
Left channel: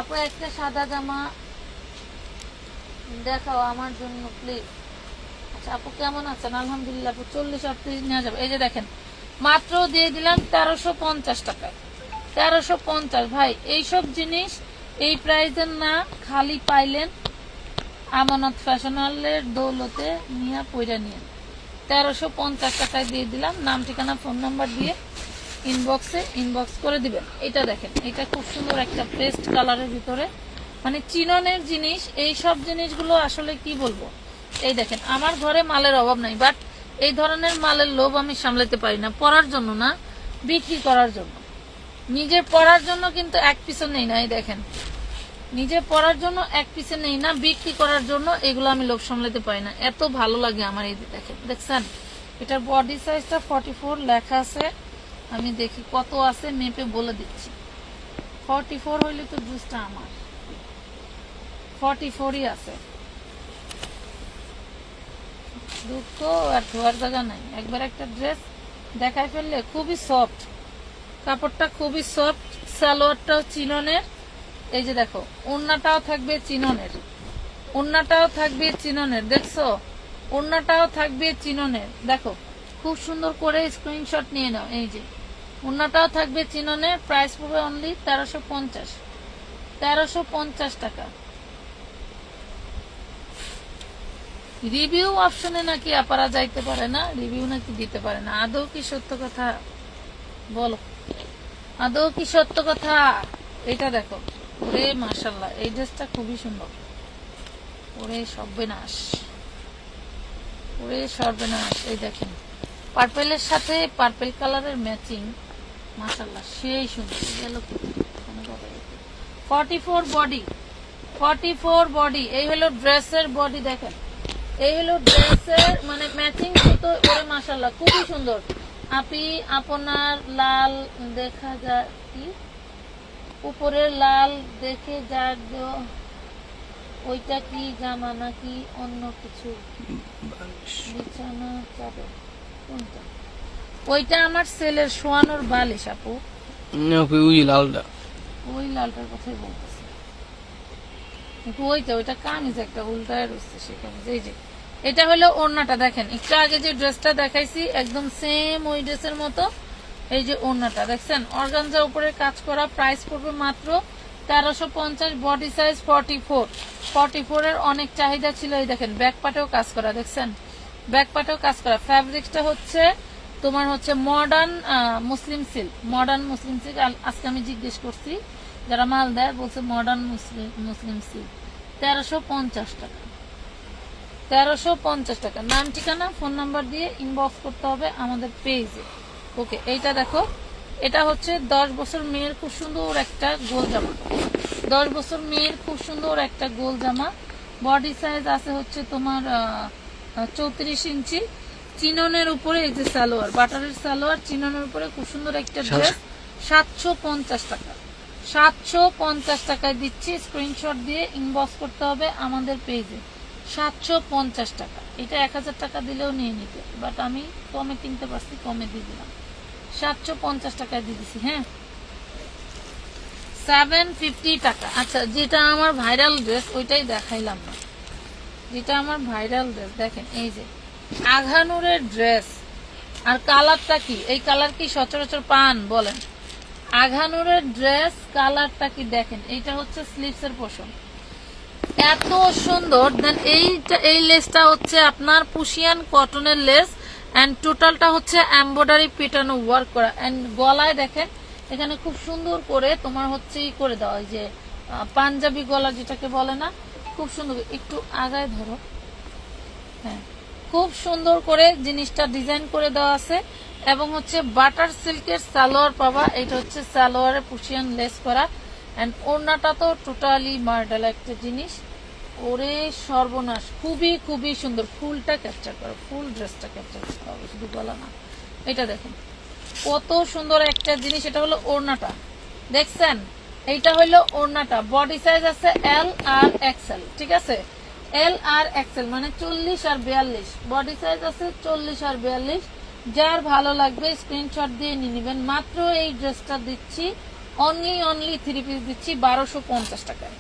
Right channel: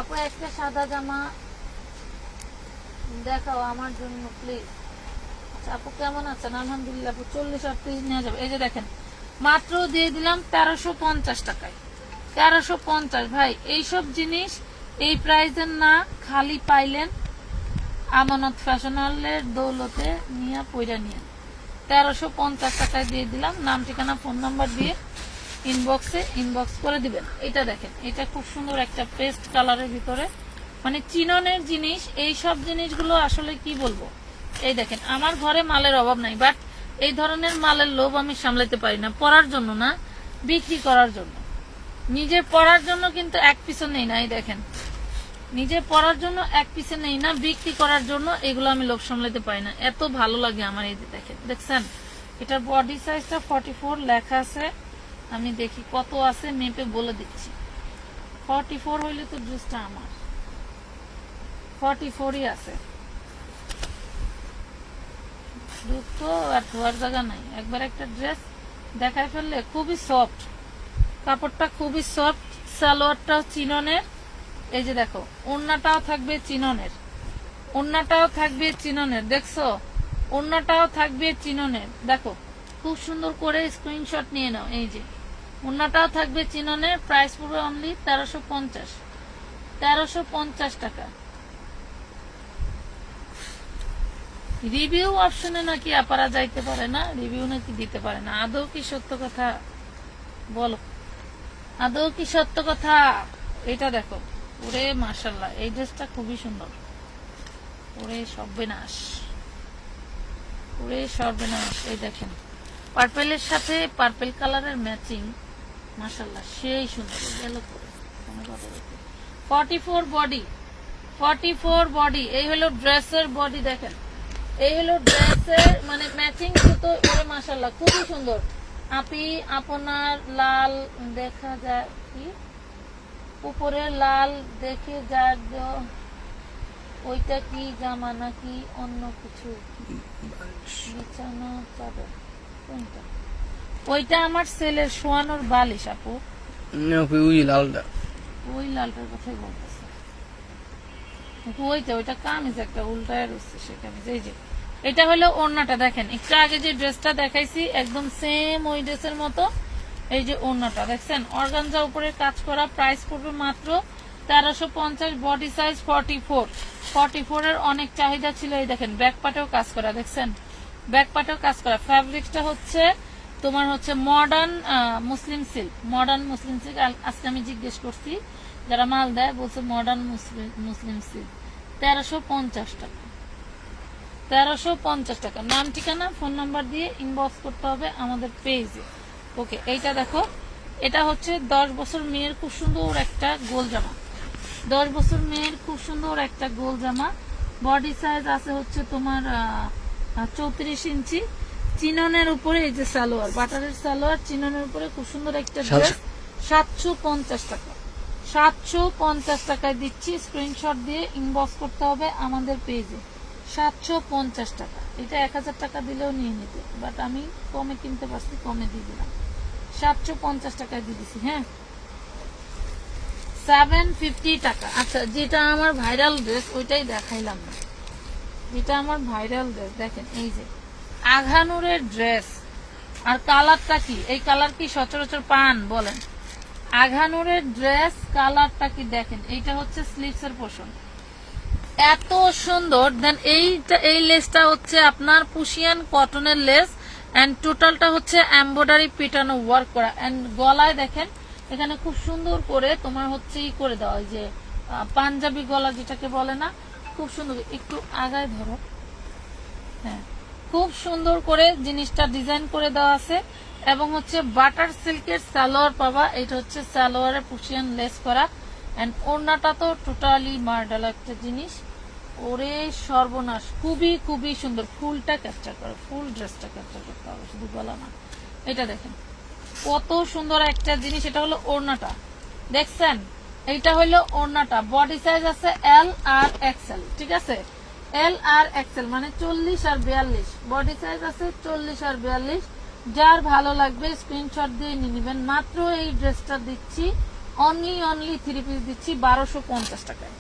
আপু। একটা সাদা জামা দেখাও আমার জন্য প্লিজ। আচ্ছা আপু, কেমন আছেন? আলহামদুলিল্লাহ আপু। 40-38 নেওয়া যাবে। এই যে দেখেন, মাত্র দিয়ে দিলাম 1350 টাকায়। 1350 ভাই। এইসব জিনিস এই প্রাইসের না, খালি পাইলেন আমানত ফ্যাশনালের দৌলতে নিয়ে পয়রা নিয়ে। 1350 টাকায় দিয়ে দিলাম। নাম, ঠিকানা, ফোন নাম্বার দিয়ে ইনবক্স করে দিবেন। এটা দেখেন, এটা খুব সুন্দর একটা পেস্ট কালারের ভিতরে, মানে চিননের জিনিস। এই সব জিনিসগুলো আসলে কি বলবো, এই দেখেন আমার ঘরে মালের অভাব নাই, বাট এই ধরনের মালের লোভ আমি সামলাতে পারি না। পরার জন্য না, বিক্রি করার জন্য। নিজের পরার জন্য কিন্তু এক পিসও নেই না। এই দেখেন, নিজে পরার জন্য এক পিসে নেই না, বিক্রি করার জন্য এগুলো আমি লোভ সামলাতে পারি না। এত ভালো লাগে আমার। এই যে দেখেন, দেখছেন এটার বডি সাইজটা 44 লেখা আছে। আমি দেখি কত আছে, মেপে বলে দিচ্ছি। 44 হইলে তো ড্রেসটা আমার 44ই আছে। দুঃখ আর ধোয়ার জায়গা নাই। একবার একটা ড্রেস দেখায় ফেললে খুবই সফট, কাপড়টা খুবই সফট, সালোয়ারটাও চিননের। এই যে দেখো, ওড়নাটাও থাকবে চিননের, ওড়নাটাও থাকবে চিননের। দেখছো, ওড়নাটাও থাকবে চিননের। দেখো খুব সুন্দর করে স্ক্রিনশট নিয়ে নাও। এই যে ওড়নাটাও থাকবে চিননের। প্রাইস পড়বে অনলি 1350, 1350 টাকা। রিভিউ অপশনে নাকি আপারা যাইতে পারে না, রিভিউ নাকি দিতে পারে না। আদৌ কি সত্য কথা বলো, আদৌ কি সত্য কথা? এটা দেখো, ওরে মাশাআল্লাহ, এই ড্রেসটা খুবই সুন্দর। ওরে সর্বনাশ, ওরে সর্বনাশ। এই দেখেন, পার্পেলের সাথে পার্পেল কালারের ম্যাচিং, মাশাআল্লাহ সেই সুন্দর। গেল কোনো কথা বলতে। 44 বডি, 44 বডি। এই হলো ড্রেসের বডি। দেখেন, এই হলো ড্রেসের মানে ম্যাচিং তো। ওরে মাশাআল্লাহ খুবই সুন্দর। আপি আপনার লাল দেখা যায় কি, উপরের লাল দেখে যার ওইটা কি জামা নাকি অন্য কিছু? বিছানা চাদর কোনটা? ওইটা আমার ছেলের শোয়ানোর বালিশ আপু। ওই লালটা ওই লালটার কথাই বলতেছে। কিন্তু ওইটা কামিজ একটা উল্টায় রয়েছে সে কামিজ। এই যে এটা হলো ওড়নাটা। দেখেন, একটু আগে যে ড্রেসটা দেখাইছি একদম সেম ওই ড্রেসের মতো। এই যে ওড়নাটা দেখছেন, অর্গানজা উপরে কাজ করা। প্রাইস পড়বে মাত্র 1350 বডি সাইজ 44 এর অনেক চাহিদা ছিল। এই দেখেন ব্যাক পাটেও কাজ করা, দেখছেন ব্যাক পাটেও কাজ করা। ফ্যাব্রিক্সটা হচ্ছে তোমার হচ্ছে মডার্ন মুসলিম সিল্ক, আজকে আমি জিজ্ঞেস করছি যারা মাল দেয়, বলছে মডার্ন মুসলিম সিল্ক। 1350 টাকা, 1350 টাকা। নাম ঠিকানা ফোন নাম্বার দিয়ে ইনবক্স করতে হবে আমাদের পেজে। ওকে, এইটা দেখো, এটা হচ্ছে 10 বছর মেয়ের খুব সুন্দর একটা গোল জামা, 10 বছর মেয়ের খুব সুন্দর একটা গোল জামা। বডি সাইজ আছে হচ্ছে তোমার 34 ইঞ্চি। চিননের উপরে এই যে সালোয়ার, বাটারের সালোয়ার, চিননের উপরে খুব সুন্দর একটা ড্রেস। 750 টাকা, 750 টাকায় দিচ্ছি। স্ক্রিনশট দিয়ে ইনবক্স করতে হবে আমাদের পেজে। 750 টাকা। এটা 1000 টাকা দিলেও নিয়ে নিতে, বাট আমি কমে কিনতে পারছি, কমে দিয়ে দিলাম। 750 টাকায় দিয়ে দিচ্ছি। হ্যাঁ, 750 টাকা। আচ্ছা, যেটা আমার ভাইরাল ড্রেস ওইটাই দেখাইলাম না, যেটা আমার ভাইরাল ড্রেস দেখেন, এই যে আঘানুরের ড্রেস। আর কালারটা কি, এই কালার কি সচরাচর পান বলেন? আঘানুরের ড্রেস, কালারটা কি দেখেন, এইটা হচ্ছে স্লিভসের পোর্শন, এত সুন্দর। দেন এই লেসটা হচ্ছে আপনার পুশিয়ান কটনের লেস, এন্ড টোটালটা হচ্ছে এমব্রয়ডারি পিটানো ওয়ার্ক করা। এন্ড গলায় দেখেন এখানে খুব সুন্দর করে তোমার হচ্ছে ই করে দেওয়া, যে পাঞ্জাবি গলা যেটাকে বলে না, খুব সুন্দর। একটু আগায় ধরো, হ্যাঁ, খুব সুন্দর করে জিনিসটা ডিজাইন করে দেওয়া আছে। এবং হচ্ছে বাটার সিল্কের সালোয়ার পাবা, এটা হচ্ছে সালোয়ারে পুশিয়ান লেস করা। এন্ড ওড়নাটা তো টোটালি মার্ডাল একটা জিনিস, ওরে সর্বনাশ, খুবই খুবই সুন্দর। ফুলটা ক্যাপচার করে, ফুল ড্রেসটা ক্যাপচার করতে হবে, শুধু গলা না। এটা দেখেন কত সুন্দর একটা জিনিস। এটা হলো ওড়নাটা, দেখছেন, এইটা হলো ওড়নাটা। বডি সাইজ আছে এল আর এক্সেল, ঠিক আছে, এল আর এক্সেল মানে 40 আর 42। বডি সাইজ আছে 40 আর 42। যার ভালো লাগবে স্ক্রিনশট দিয়ে নিয়ে নেবেন। মাত্র এই ড্রেসটা দিচ্ছি অনলি 3 পিস দিচ্ছি 1250 টাকায়।